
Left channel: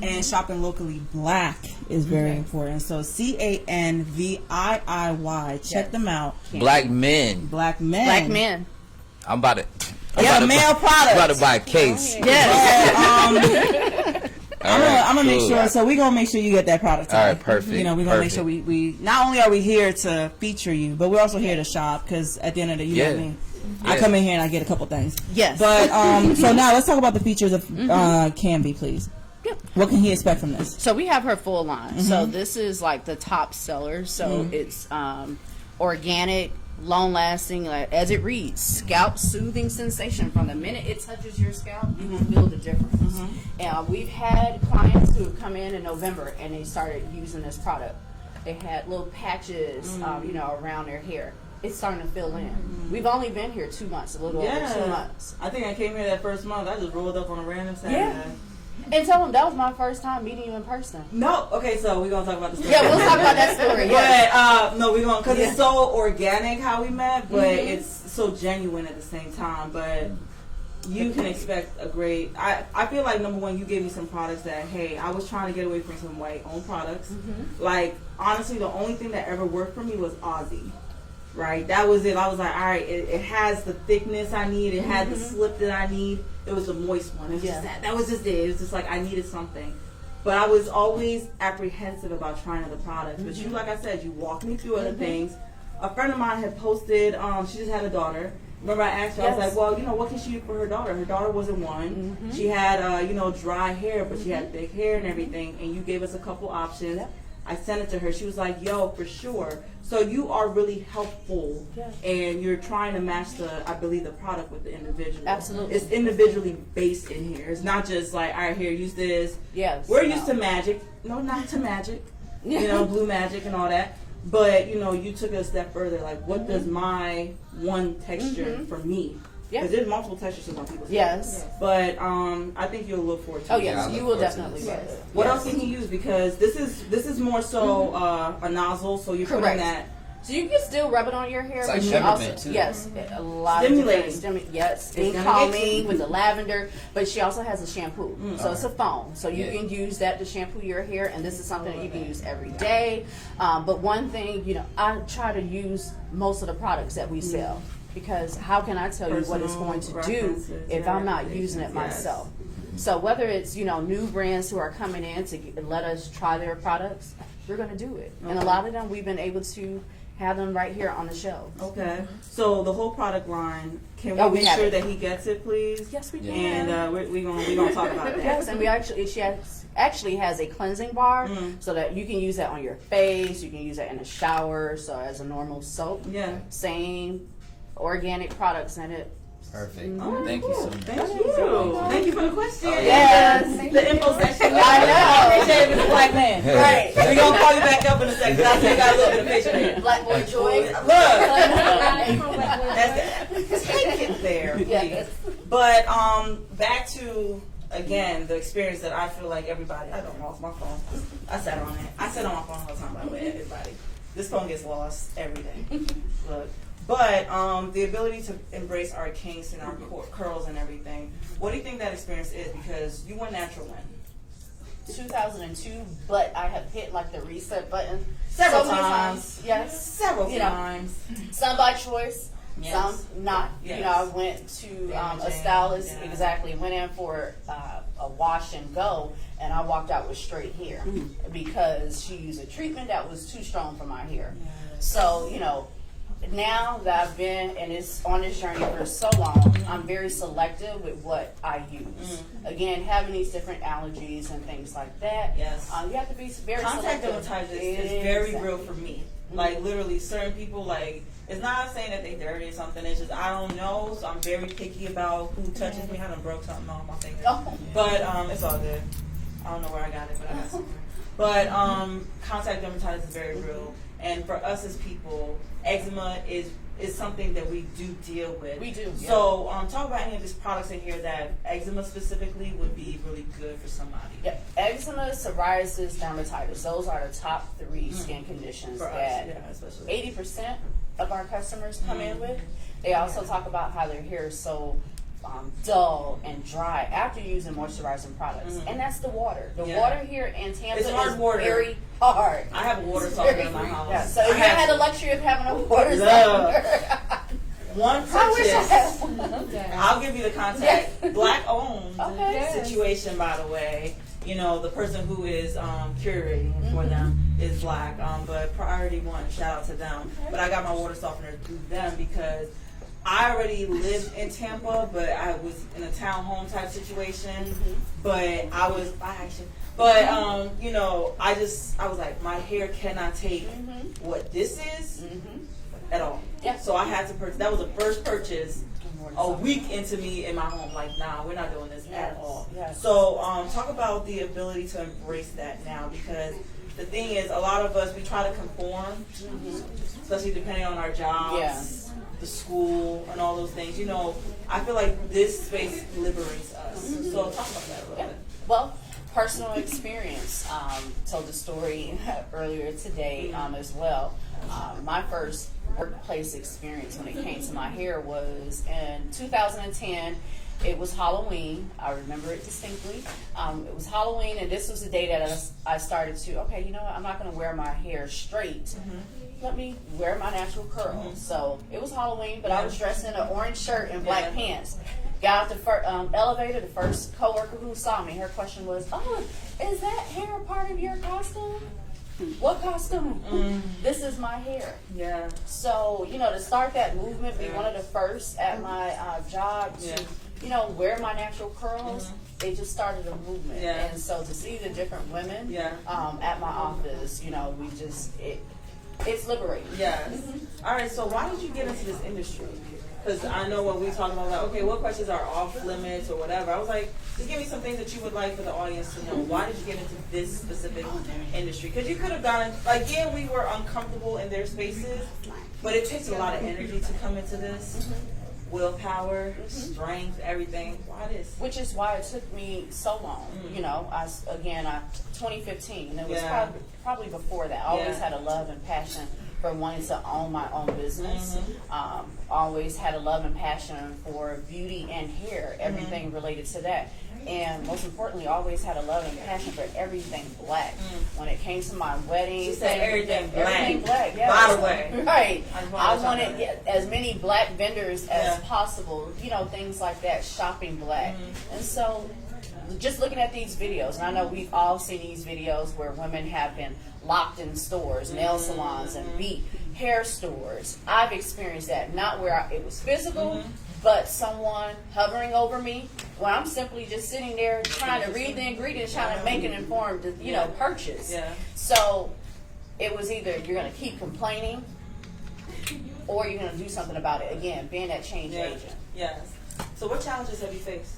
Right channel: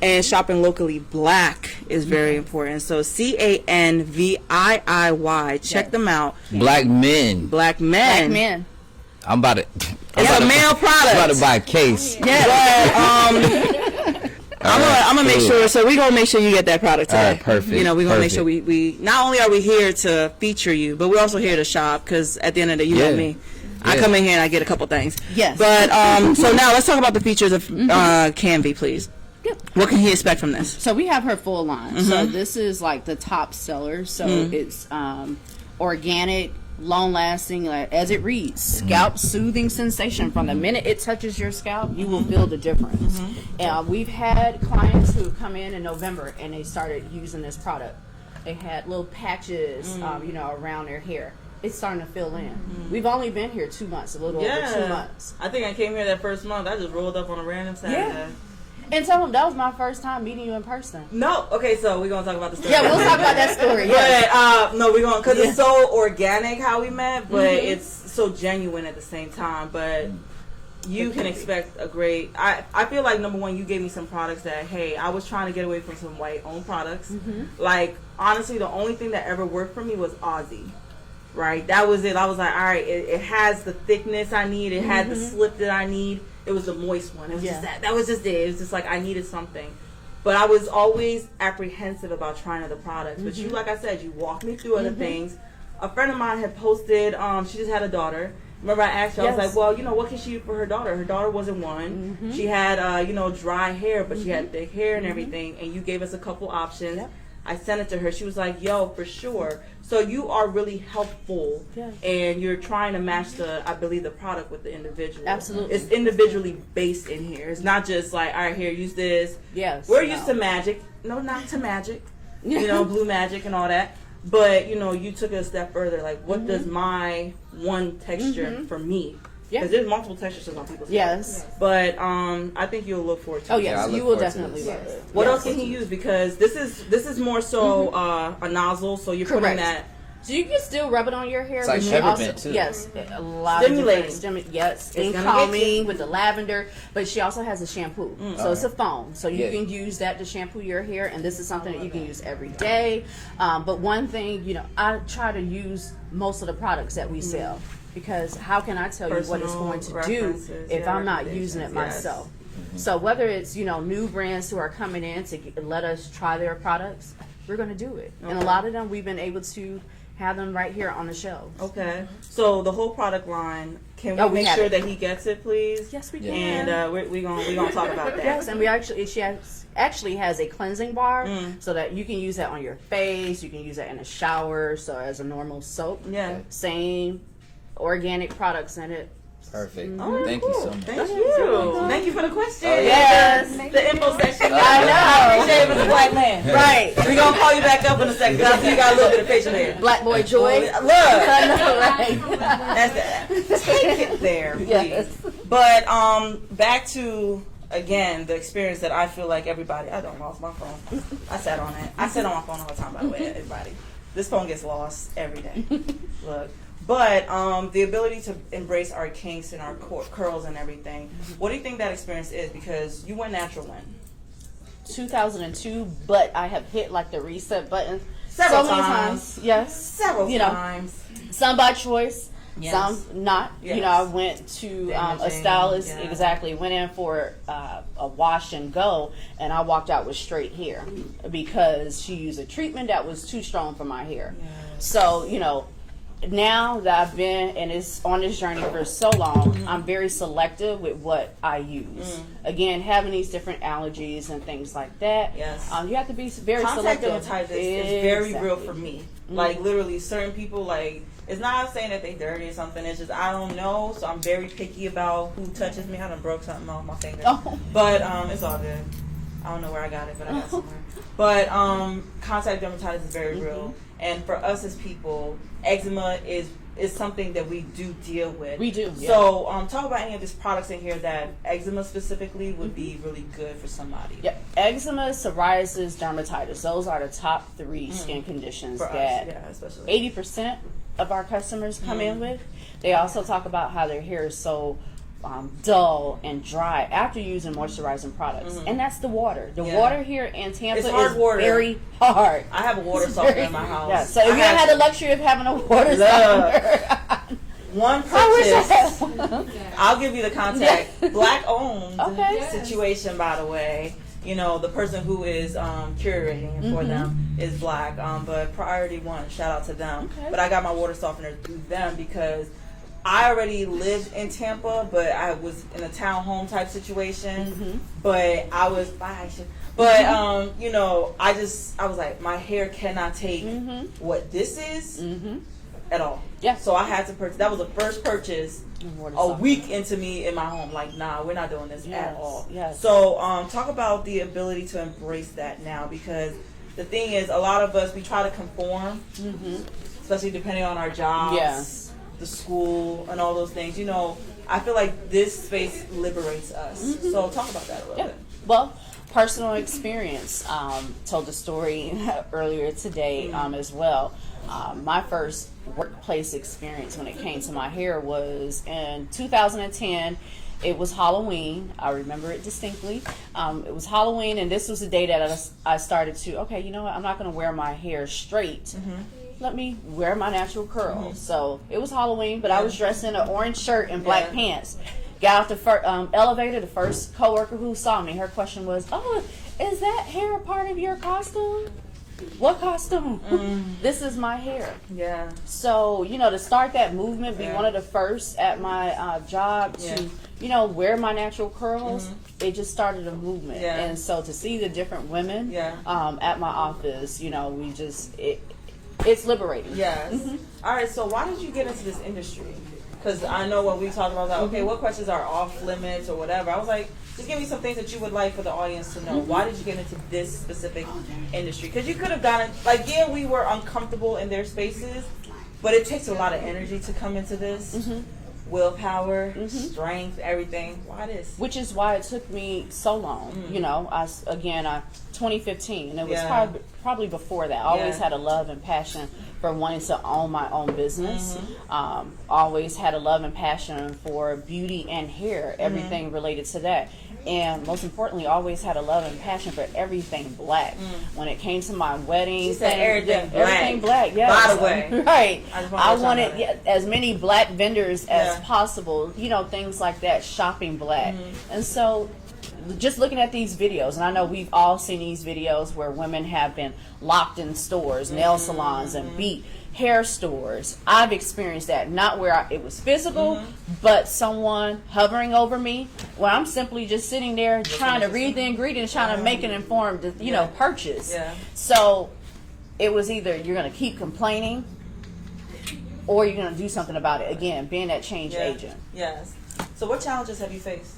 and shopping locally black is very important. So CANVIIY, check them out. Black men. Black men. Black men. I'm about to. Male products. About to buy a case. Yes. I'm gonna make sure. So we gonna make sure you get that product today. All right, perfect. You know, we gonna make sure we not only are we here to feature you, but we're also here to shop. Because at the end of the day, you know me. I come in here and I get a couple things. Yes. But so now let's talk about the features of Canvy, please. What can he expect from this? So we have her full line. So this is like the top seller. So it's organic, long lasting, like, as it reads, scalp soothing sensation. From the minute it touches your scalp, you will feel the difference. And we've had clients who come in November and they started using this product. They had little patches, you know, around their hair. It's starting to fill in. We've only been here 2 months, a little over 2 months. I think I came here that first month. I just rolled up on a random Saturday. Yeah. And tell them that was my first time meeting you in person. No, okay, so we're gonna talk about the story. Yeah, we'll talk about that story. Yeah. But no, we're gonna, because it's so organic how we met, but it's so genuine at the same time. But you can expect a great. I feel like, number one, you gave me some products that, hey, I was trying to get away from some white owned products. Like, honestly, the only thing that ever worked for me was Aussie. Right, that was it. I was like, all right, it has the thickness I need. It had the slip that I need. It was the moist one. It was just that was just it. It was just like I needed something. But I was always apprehensive about trying other products. But you, like I said, you walked me through other things. A friend of mine had posted, she just had a daughter. Remember I asked you, I was like, well, you know, what can she do for her daughter? Her daughter wasn't one. She had, you know, dry hair, but she had thick hair and everything. And you gave us a couple options. I sent it to her. She was like, yo, for sure. So you are really helpful, and you're trying to match I believe, the product with the individual. Absolutely. It's individually based in here. It's not just like, all right, here, use this. Yes. We're used to magic. No, not to magic. You know, blue magic and all that. But, you know, you took it a step further. Like, what does my one texture for me? Because there's multiple textures on people's hair. Yes. But I think you'll look forward to it. Oh, yes. You will definitely love it. What else can he use? Because this is more so a nozzle, so you're putting that. So you can still rub it on your hair. It's like but you peppermint, also, too. Yes, a lot Stimulating. of different skin gonna calming get you. with the lavender. But she also has a shampoo, so it's a foam. So you can use that to shampoo your hair, and this is something that you can use every day. But one thing, you know, I try to use most of the products that we sell. Because how can I tell you what it's going to do if I'm not using it myself? So whether it's, you know, new brands who are coming in to let us try their products, we're going to do it. And a lot of them we've been able to have them right here on the shelf. Okay. So the whole product line, can we Oh, we make have sure it. that he gets it, please? Yes, we Yeah. can. And we gonna talk about that. Yes, and she actually has a cleansing bar so that you can use that on your face. You can use that in a shower, so as a normal soap. Yeah. Same organic products in it. Perfect. Oh, Thank you so much. Thank you. Thank you for the question. Yes. The info section. I know. I appreciate it, Mr. Black Man. Right. We're gonna call you back up in a second because I see you got a little bit of patience there. Black boy joy. Look. Right. That's take it there, please. Yes. But back to again the experience that I feel like everybody. I don't lost my phone. I sat on it. I sit on my phone all the time. By the way, everybody. This phone gets lost every day. Look. But the ability to embrace our kinks and our curls and everything. What do you think that experience is? Because you went natural when 2002, but I have hit like the reset button Several so many times. Yes. Several times. Some by choice, Yes. some not. Yes. You know, I went to a Damaging, stylist, yeah. exactly, went in for a wash and go, and I walked out with straight hair because she used a treatment that was too strong for my hair. Yes. So, you know, now that I've been and it's on this journey for so long, I'm very selective with what I use. Again, having these different allergies and things like that, Yes. you have to be very Contact selective. dermatitis is very Exactly. real for me. Like literally, certain people like. It's not saying that they dirty or something. It's just I don't know, so I'm very picky about who touches me. I done broke something off my finger, Oh. but it's all good. I don't know where I got it, but I got it somewhere. But contact dermatitis is very real, and for us as people, eczema is something that we do deal with. We do. Yeah. So talk about any of these products in here that eczema specifically would be really good for somebody. Yep. Eczema, psoriasis, dermatitis. Those are the top three skin conditions For us, that yeah, especially 80% of our customers come in with. They also talk about how their hair is so dull and dry after using moisturizing products, and that's the water. The water here in Tampa It's hard is water. very hard. I have a water softener in my house. Yeah, so if you had the luxury of having a water Love. softener, One I wish I purchase. had one. I'll give you the contact. Black owned Okay. situation, by the way. You know, the person who is curating for them is black. But Priority One, shout out to them. Okay. But I got my water softener through them because I already lived in Tampa, but I was in a townhome type situation. But I was by action. But you know, I was like, my hair cannot take what this is at all. Yeah. So I had to purchase. That was the first purchase Water a softener. week into me in my home. Like, nah, we're not doing this Yes, at all. yes. So talk about the ability to embrace that now, because the thing is, a lot of us, we try to conform, especially depending on our jobs, Yeah. the school, and all those things. You know, I feel like this space liberates us. So talk about that a little Yeah. bit. Well, personal experience. Told the story earlier today as well. My first workplace experience when it came to my hair was in 2010. It was Halloween. I remember it distinctly. It was Halloween, and this was the day that I started to, okay, you know what? I'm not going to wear my hair straight. Let me wear my natural curls. So it was Halloween, but I was dressed in an orange shirt and black pants. Got out the elevator. The first coworker who saw me, her question was, "Oh, is that hair a part of your costume?" What costume? This is my hair. Yeah. So, you know, to start that movement, be one of the first at my job to, you know, wear my natural curls, it just started a movement. Yeah. And so to see the different women at my office, you know, it's liberating. Yes. All right. So why did you get into this industry? Because I know when we talked about, like, okay, what questions are off limits or whatever, I was like, just give me some things that you would like for the audience to know. Why did you get into this specific industry? Because you could have gotten, like, yeah, we were uncomfortable in their spaces, but it takes a lot of energy to come into this. Willpower, strength, everything. Why this? Which is why it took me so long. You know, 2015, and it was probably before that. I always had a love and passion for wanting to own my own business. Always had a love and passion for beauty and hair, everything related to that. And most importantly, always had a love and passion for everything black. When it came to my wedding, She said everything black. Everything black, yes. By the way. Right. I I wanted as many black vendors as possible, you know, things like that, shopping black. And so just looking at these videos, and I know we've all seen these videos where women have been locked in stores, nail salons, and beat, hair stores. I've experienced that, not where it was physical, but someone hovering over me when I'm simply just sitting there trying to read the ingredients, trying to make an informed, purchase. Yeah. So it was either you're going to keep complaining or you're going to do something about it. Again, being that change agent. Yes. So what challenges have you faced?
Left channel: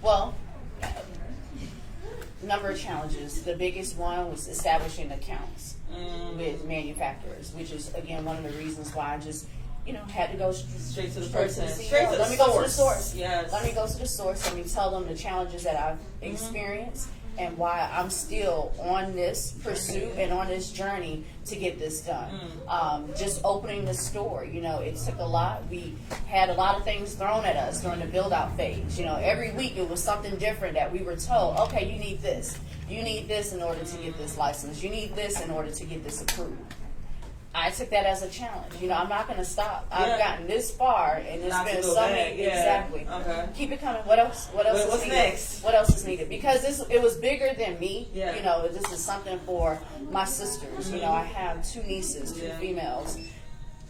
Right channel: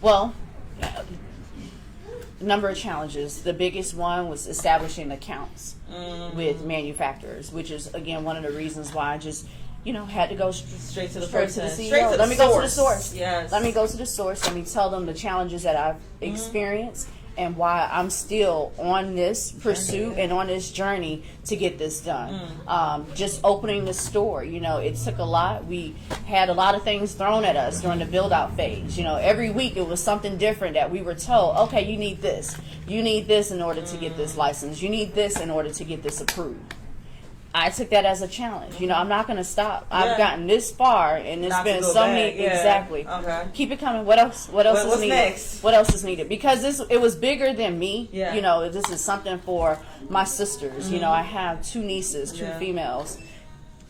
Well, number of challenges. The biggest one was establishing accounts with manufacturers, which is, again, one of the reasons why I just, had to go straight to the straight person. to the CEO. Straight to Let the me go to the source. source. Yes. Let me go to the source. Let me tell them the challenges that I've experienced and why I'm still on this pursuit and on this journey to get this done. Just opening the store, it took a lot. We had a lot of things thrown at us during the build out phase. Every week it was something different that we were told, okay, you need this. You need this in order to get this license. You need this in order to get this approved. I took that as a challenge. I'm not going to stop. I've gotten this far, and it's been so many. Exactly. Okay. Keep it coming. What else? What else is needed? Next? What else is needed? Because it was bigger than me. Yeah. This is something for my sisters. I have 2 nieces, 2 females.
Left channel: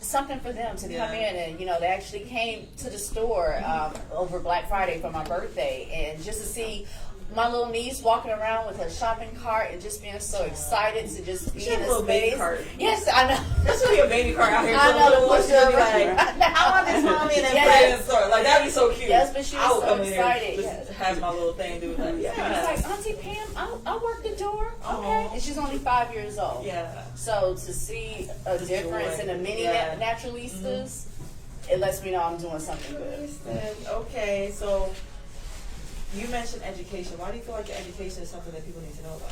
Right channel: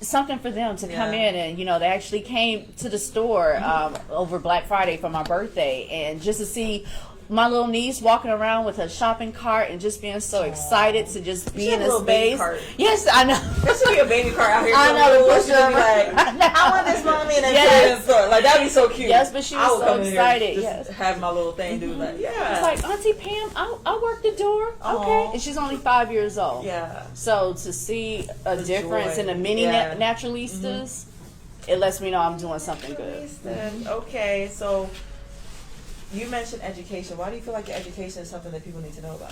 Something for them to come in and they actually came to the store over Black Friday for my birthday, and just to see my little niece walking around with her shopping cart and just being so excited to just be in a space. Yes, I know. There should be a baby cart out here. I know. The should be like, I want this mommy, and then put it in the store. Like, that'd be so cute. Yes, but she was so excited. Just have my little thing do like, It's like, Auntie Pam, I'll work the door. Okay. And she's only 5 years old. Yeah. So to see a difference in the mini naturalistas, it lets me know I'm doing something good. Okay, so you mentioned education. Why do you feel like your education is something that people need to know about?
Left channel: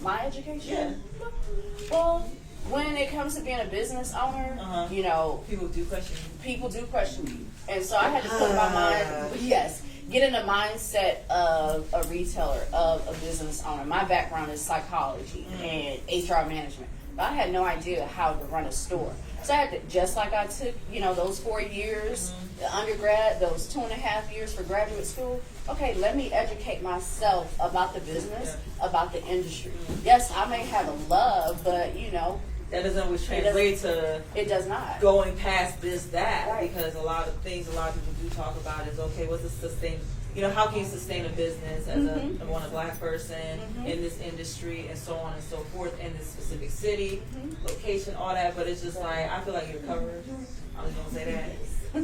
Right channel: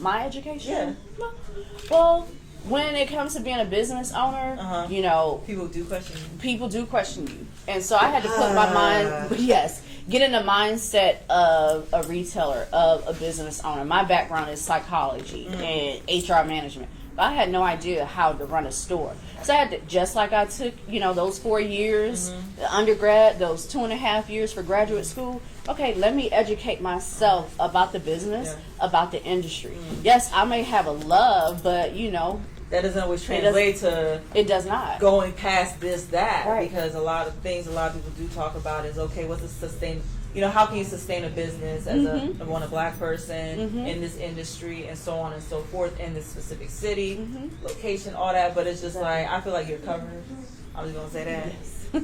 My education? Yeah. Well, when it comes to being a business owner, people do question you. People do question you. And so I had to put my mind, get in the mindset of a retailer, of a business owner. My background is psychology and HR management. But I had no idea how to run a store. So I had to, just like I took, those 4 years, the undergrad, those 2.5 years for graduate school. Okay, let me educate myself about the business, about the industry. Yes, I may have a love, but that doesn't always translate to. It does not. Going past this, that, right. Because a lot of people do talk about is, okay, what's the sustain? How can you sustain a business as a Black person in this industry and so on and so forth in this specific city, location, all that. But it's just like, I feel like you're covered. I'm just gonna say that.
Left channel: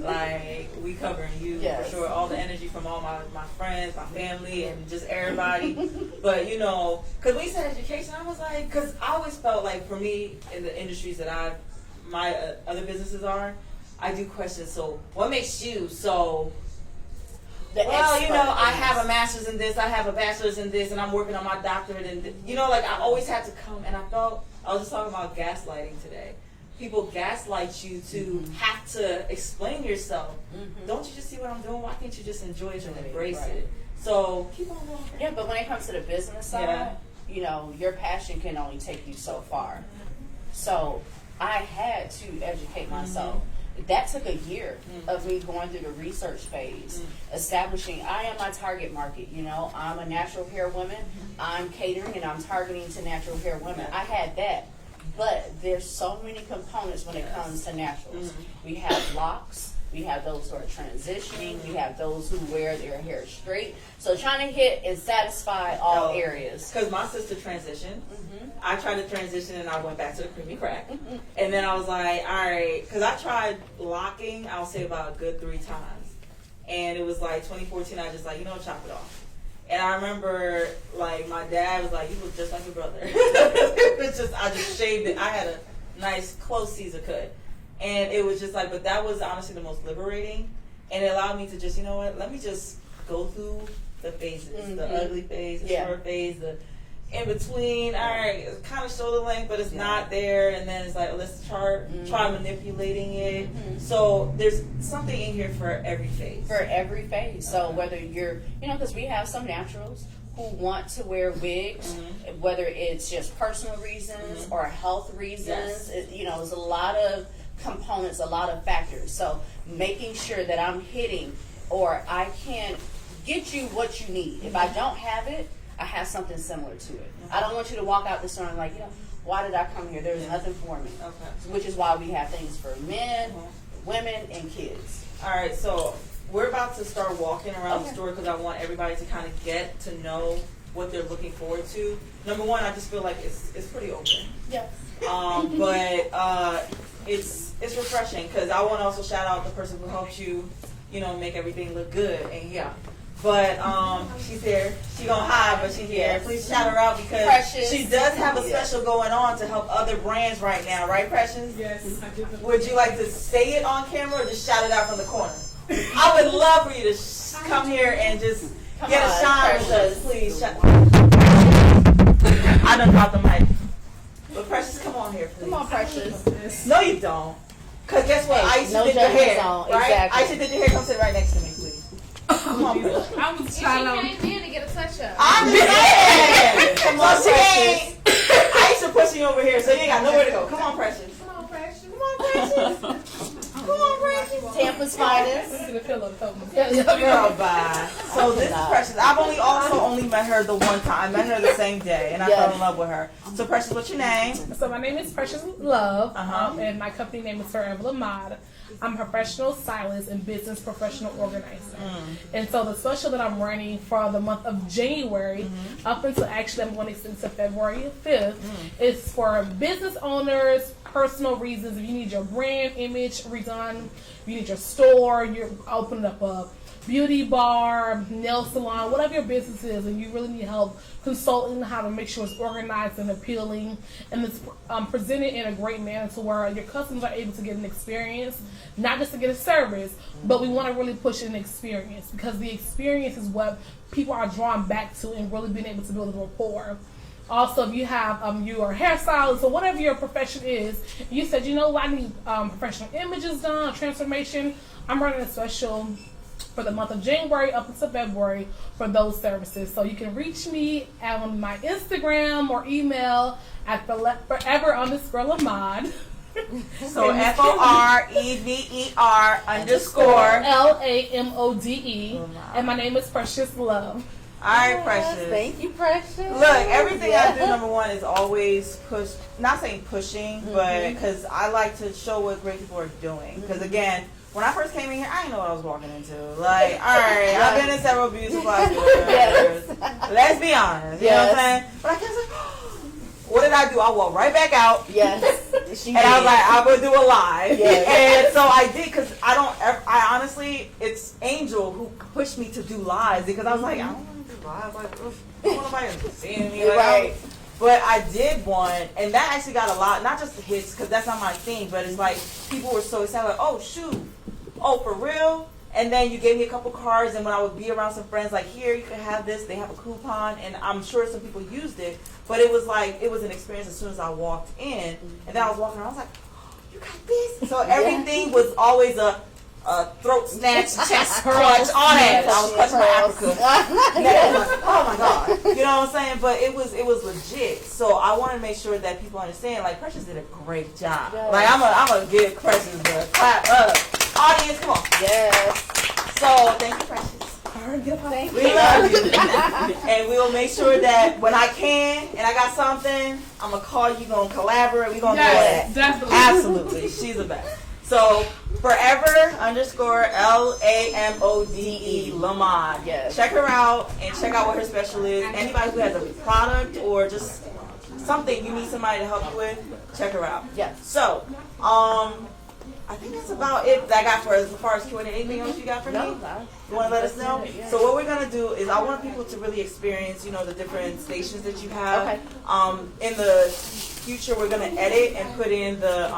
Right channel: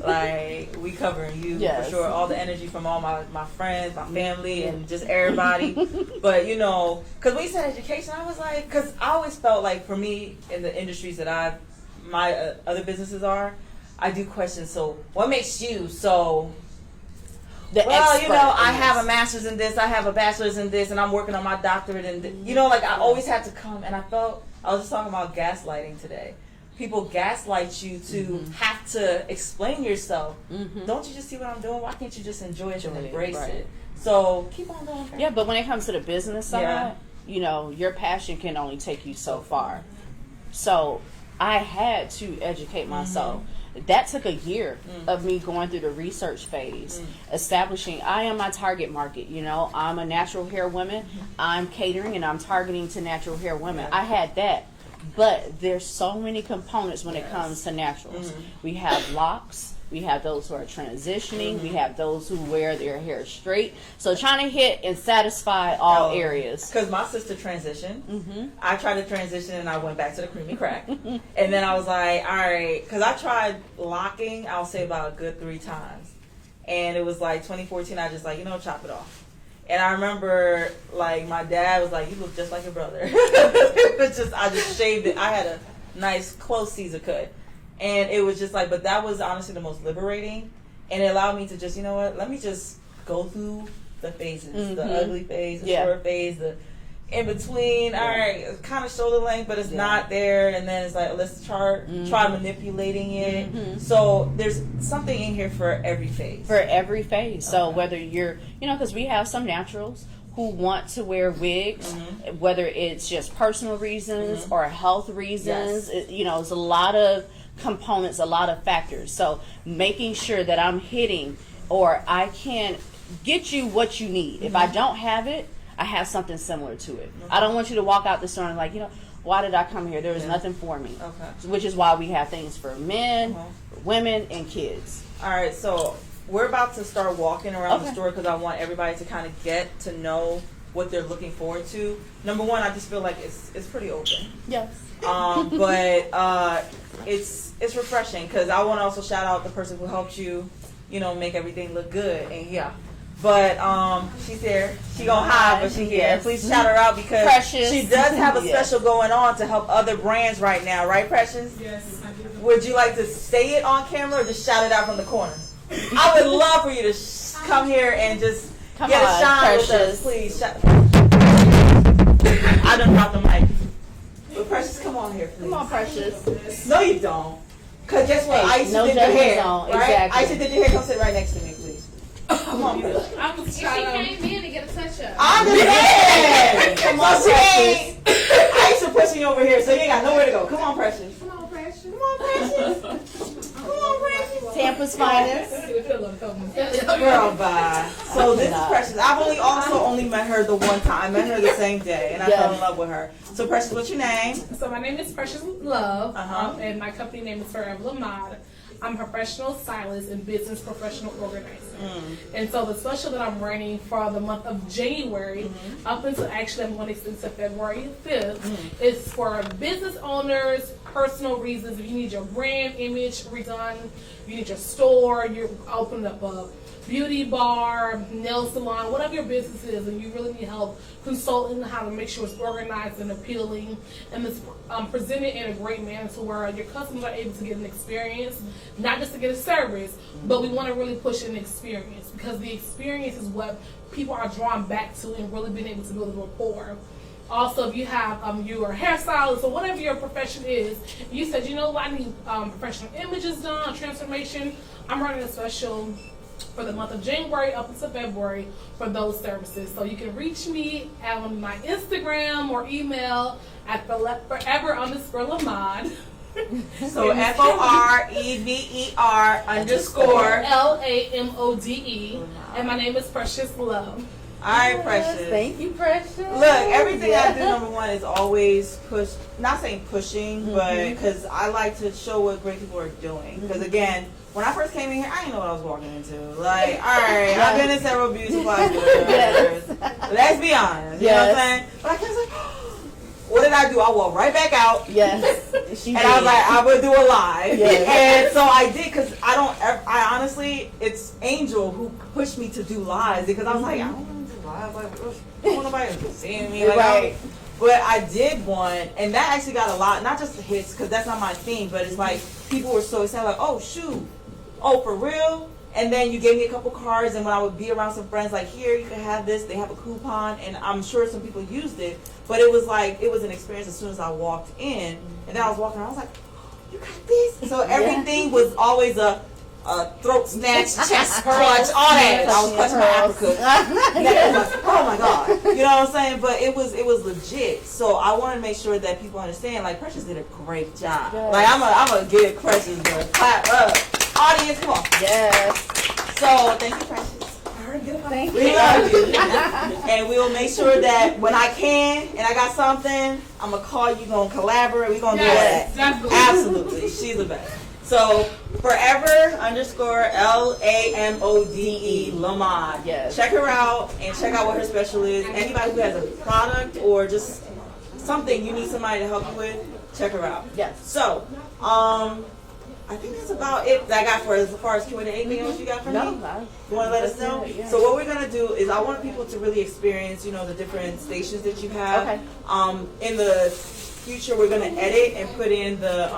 Like, we covering you for sure. All the energy from all my friends, my family, and just everybody. But because when you said education, I was like, because I always felt like, for me, in the industries that my other businesses are, I do question. So what makes you so? I have a master's in this, I have a bachelor's in this, and I'm working on my doctorate in this. I always had to come, and I was just talking about gaslighting today. People gaslight you to have to explain yourself. Don't you just see what I'm doing? Why can't you just enjoy it and embrace it? So keep on going. Yeah, but when it comes to the business side, your passion can only take you so far. So I had to educate myself. That took a year of me going through the research phase, establishing I am my target market. I'm a natural hair woman. I'm catering and I'm targeting to natural hair women. I had that. But there's so many components when it comes to naturals. We have locks. We have those who are transitioning. We have those who wear their hair straight. So trying to hit and satisfy all areas. Because my sister transitioned. I tried to transition and I went back to the creamy crack. And then I was like, all right. Because I tried locking, I'll say about a good 3 times. And it was like 2014, I just chop it off. And I remember, my dad was like, you look just like your brother. It was just, I just shaved it. I had a nice, close Caesar cut. And it was just but that was honestly the most liberating. And it allowed me to just, let me just go through the phases. The ugly phase, the short phase, the in between. All right, kind of shoulder length, but it's not there. And then it's let's try manipulating it. So there's something in here for every phase. For every phase. So whether you're, because we have some naturals who want to wear wigs, whether it's just personal reasons or health reasons. There's a lot of components, a lot of factors. So making sure that I'm hitting, or I can get you what you need. If I don't have it, I have something similar to it. I don't want you to walk out the store and like, why did I come here? There was nothing for me. Okay. Which is why we have things for men, women, and kids. All right, so we're about to start walking around the store because I want everybody to kind of get to know what they're looking forward to. Number one, I just feel like it's pretty open. Yes. But it's refreshing because I want to also shout out the person who helped you, make everything look good. And but she's here. She gonna hide, but she's here. Please shout her out because Precious. she does have a special going on to help other brands right now, right, Precious? Yes, I do. Would you like to say it on camera or just shout it out from the corner? I would love for you to come here and just get a shine with us, please. I done dropped the mic. But Precious, come on here, please. Come on, Precious. No, you don't. Because guess what? Hey, Aisha no did your hair, zone. right? Exactly. Aisha did your hair. Come sit right next to me, please. Come on, Precious. I was If she trying came in to get a touch-up. I understand. Come on, Precious. Aisha pushing you over here, so you ain't got nowhere to go. Come on, Precious. Come on, Precious. Come on, Precious. Come on, Precious. Tampa's finest. Girl, bye. So this is Precious. I've only met her the one time. I met her the same day, and I fell in love with her. So Precious, what's your name? So my name is Precious Love, Uh-huh. and my company name is Forever Lamad. I'm a professional stylist and business professional organizer. And so the special that I'm running for the month of January, up until actually I'm going to extend to February 5th, is for business owners, personal reasons. If you need your brand image redone, you need your store, you're opening up a beauty bar, nail salon, whatever your business is, and you really need help consulting how to make sure it's organized and appealing, and it's presented in a great manner to where your customers are able to get an experience, not just to get a service, but we want to really push an experience because the experience is what people are drawn back to and really being able to build a rapport. Also, if you have you're a hairstylist or whatever your profession is, you said, I need professional images done, transformation, I'm running a special for the month of January up until February for those services. So you can reach me on my Instagram or email at forever_Lamad. So FOREVER_LAMODE. And my name is Precious Love. All right, Precious. Thank you, Precious. Look, everything I do, number one, is always push. Not saying pushing, but because I like to show what great people are doing. Because again, when I first came in here, I didn't know what I was walking into. Like, all right, I've been in several beauty supply stores. Let's be honest. You know what I'm saying? But I kept like, what did I do? I walked right back out. Yes. And I was like, I'm going to do a live. Yes. And so I did because I honestly, it's Angel who pushed me to do lives because I was like, I don't want to do live. Like, I don't want nobody seeing me. Like, Right. But I did one, and that actually got a lot, not just the hits, because that's not my thing, but it's like, people were so excited, like, oh, shoot. Oh, for real? And then you gave me a couple cards, and when I would be around some friends, like, here, you can have this, they have a coupon, and I'm sure some people used it, but it was like, it was an experience as soon as I walked in, and then I was walking around, I was like, oh, you got this? So everything was always a throat snatch, chest clutch, all that. I was clutching my apricot. Oh my God. You know what I'm saying? But it was legit. So I want to make sure that people understand, like, Precious did a great job. Yes. Like, I'm gonna give Precious a clap up. Audience, come on. Yes. So thank you, Precious. Thank you. We love you. And we will make sure that when I can and I got something, I'm gonna call you, gonna collaborate, we're gonna do that. Definitely. Absolutely. She's the best. So forever_LAMODE Lamad. Yes. Check her out and check out what her special is. Anybody who has a product or just something you need somebody to help you with, check her out. Yes. So, I think that's about it that I got for as far as Q&A. Anything else you got for me? No, You want to let us know? Yeah. So what we're going to do is I want people to really experience, the different stations that you have. Okay. In the future, we're going to edit and put in the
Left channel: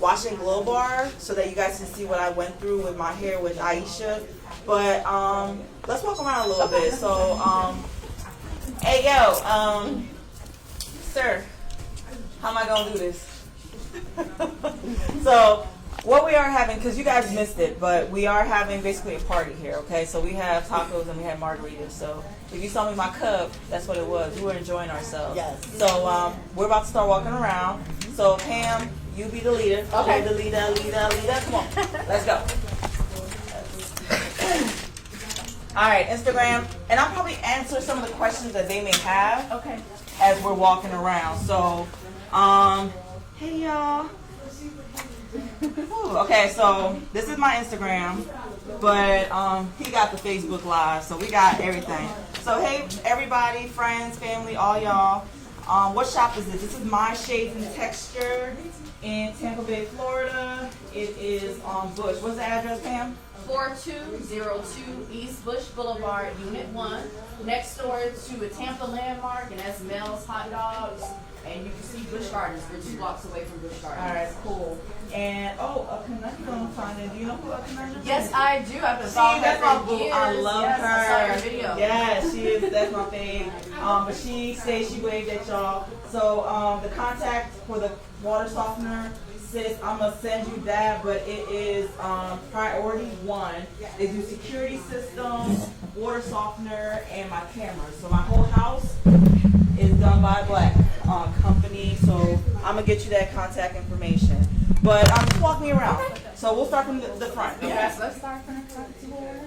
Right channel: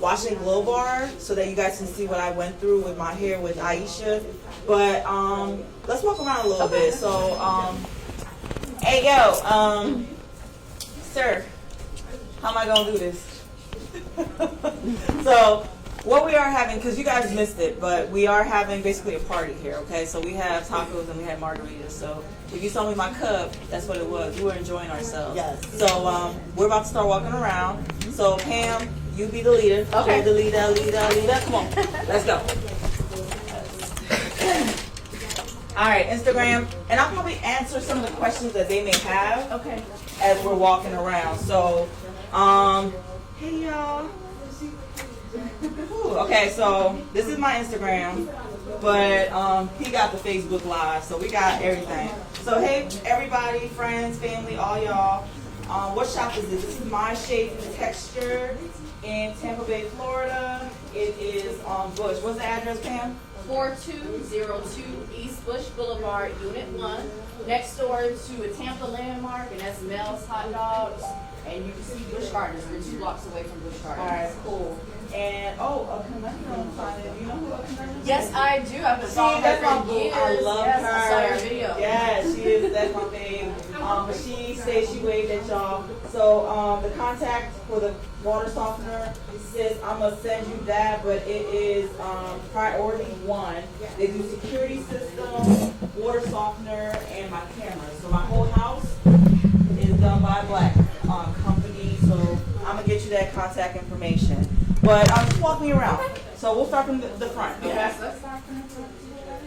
wash and glow bar so that you guys can see what I went through with my hair with Aisha. But let's walk around a little bit. So, hey, yo, sir, how am I going to do this? So, what we are having, because you guys missed it, but we are having basically a party here, okay? So we have tacos and we have margaritas. So if you saw me in my cup, that's what it was. We were enjoying ourselves. Yes. So we're about to start walking around. So Pam, you be the leader. Okay. You're the leader. Come on. Let's go. All right, Instagram, and I'll probably answer some of the questions that they may have. Okay. As we're walking around. So, hey y'all. Ooh, okay, so this is my Instagram, but he got the Facebook Live, so we got everything. So hey everybody, friends, family, all y'all. What shop is this? This is My Shades and Texture in Tampa Bay, Florida. It is on Bush. What's the address, Pam? 4202 East Bush Boulevard, Unit 1, next door to a Tampa landmark, and that's Mel's Hot Dogs. And you can see Busch Gardens. We're 2 blocks away from Busch Gardens. All right, cool. And a conundrum finder. Do you know who a conundrum is? Yes, I do. I've been following her for years. I love her. I saw your video. Yes, she is. That's my fave. But she says she waved at y'all. So the contact for the water softener, sis, I'm gonna send you that. But it is priority 1. They do security system, water softener, and my camera. So my whole house is done by a black company. So I'm gonna get you that contact information. But just walk me around. So we'll start from the front. Okay? Yes, let's start from the front.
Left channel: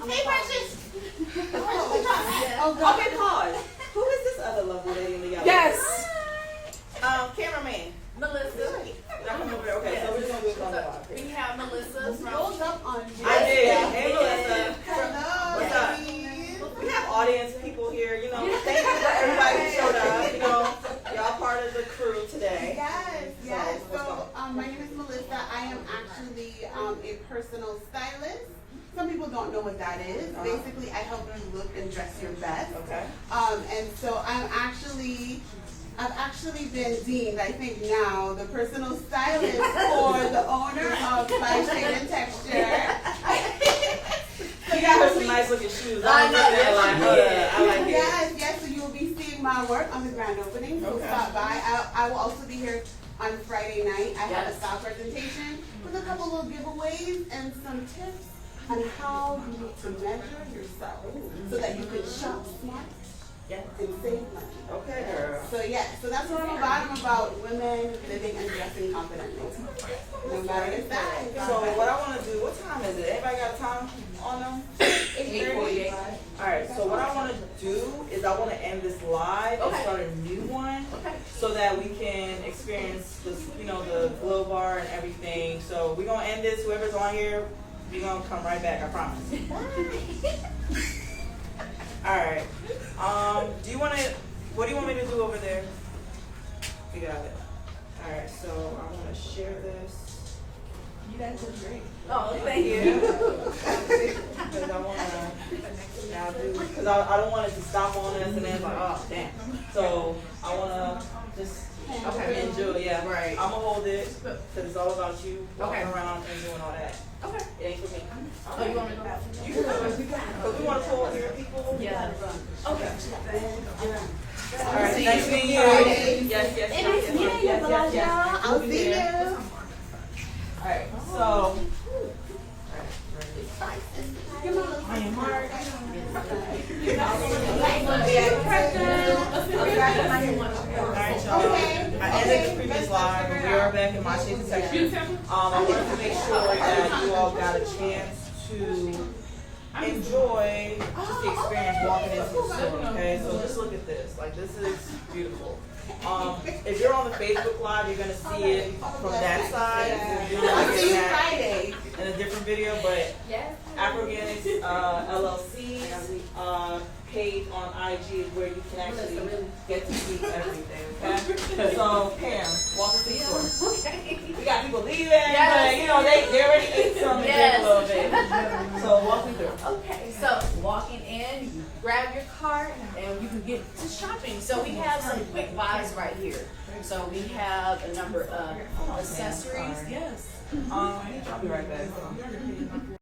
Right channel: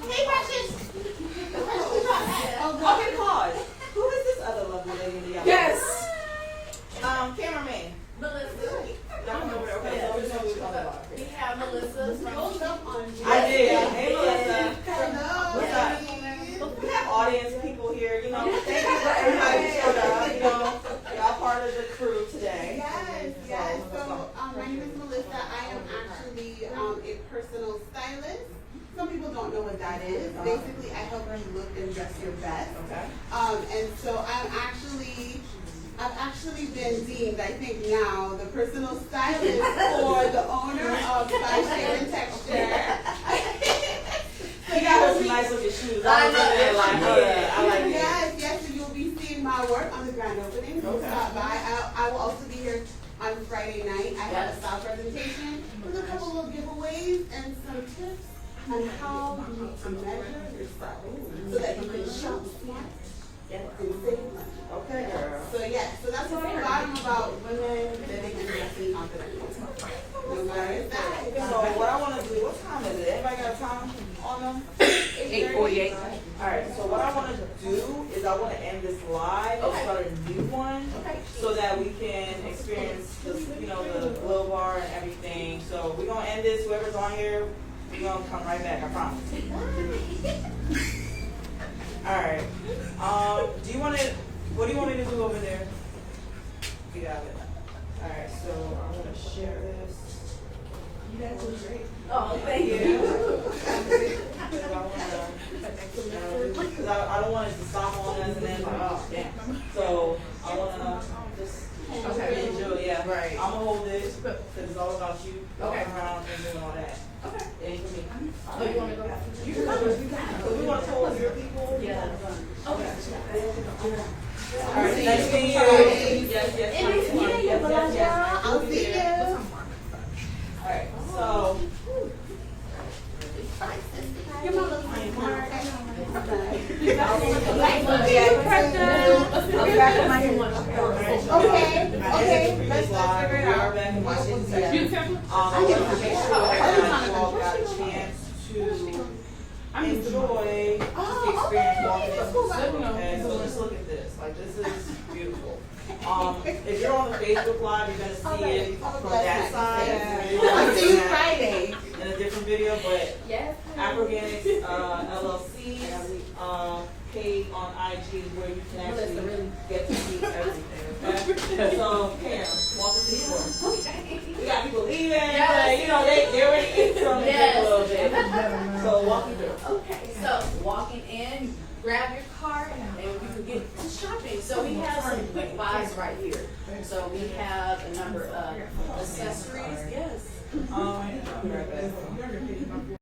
Hey, Precious. Okay, pause. Who is this other lovely lady in the yellow? Yes. Cameraman. Melissa. Okay, so we're just gonna do it on the bottom. We have Melissa from I did. Hey, Melissa. What's up? We have audience people here. You know, thank you for everybody who showed up. You know, y'all part of the crew today. Yes. So my name is Melissa. I am actually a personal stylist. Some people don't know what that is. Basically, I help you look and dress your best. Okay. And so I've actually been deemed, I think now, the personal stylist for the owner of My Shade and Texture. So you got some nice looking shoes. I like it. Yes. So you'll be seeing my work on the grand opening. So stop by. I will also be here on Friday night. I have a style presentation with a couple little giveaways and some tips on how you need to measure yourself so that you can shop smart and save money. Okay, girl. So that's what I'm about women living and dressing confidently. No matter the size. So what I want to do, what time is it? Everybody got a time on them? 8:48. All right, so what I want to do is I want to end this live and start a new one so that we can experience the, the glow bar and everything. So we're going to end this. Whoever's on here, we're going to come right back, I promise. All right. What do you want me to do over there? We got it. All right, so I'm going to share this. You guys look great. Oh, thank you. Because I don't want it to stop on us and then like, oh, damn. So I want to just enjoy. Yeah, right. I'm going to hold it because it's all about you walking around and doing all that. Okay. It ain't for me. Oh, you want me to go? You can come. Because we want to pull your people. Yeah. Okay. All right. Nice meeting you. Yes. I'll see you. All right. So. Previous live, we are back in My Shades and Texture. I wanted to make sure that you all got a chance to enjoy the experience walking into the store. Okay, so let's look at this. Like, this is beautiful. If you're on the Facebook Live, you're gonna see it from that side. I'll see you Friday in a different video, but Afroganics LLC page on IG is where you can actually get to see everything. Okay. So Pam, walk us through the store. We got people leaving, but they're ready to eat something a little bit. So walk me through. Okay, so walking in, you grab your cart, and you can get to shopping. So we have some quick buys right here. So we have a number of accessories. Yes. I'll be right back.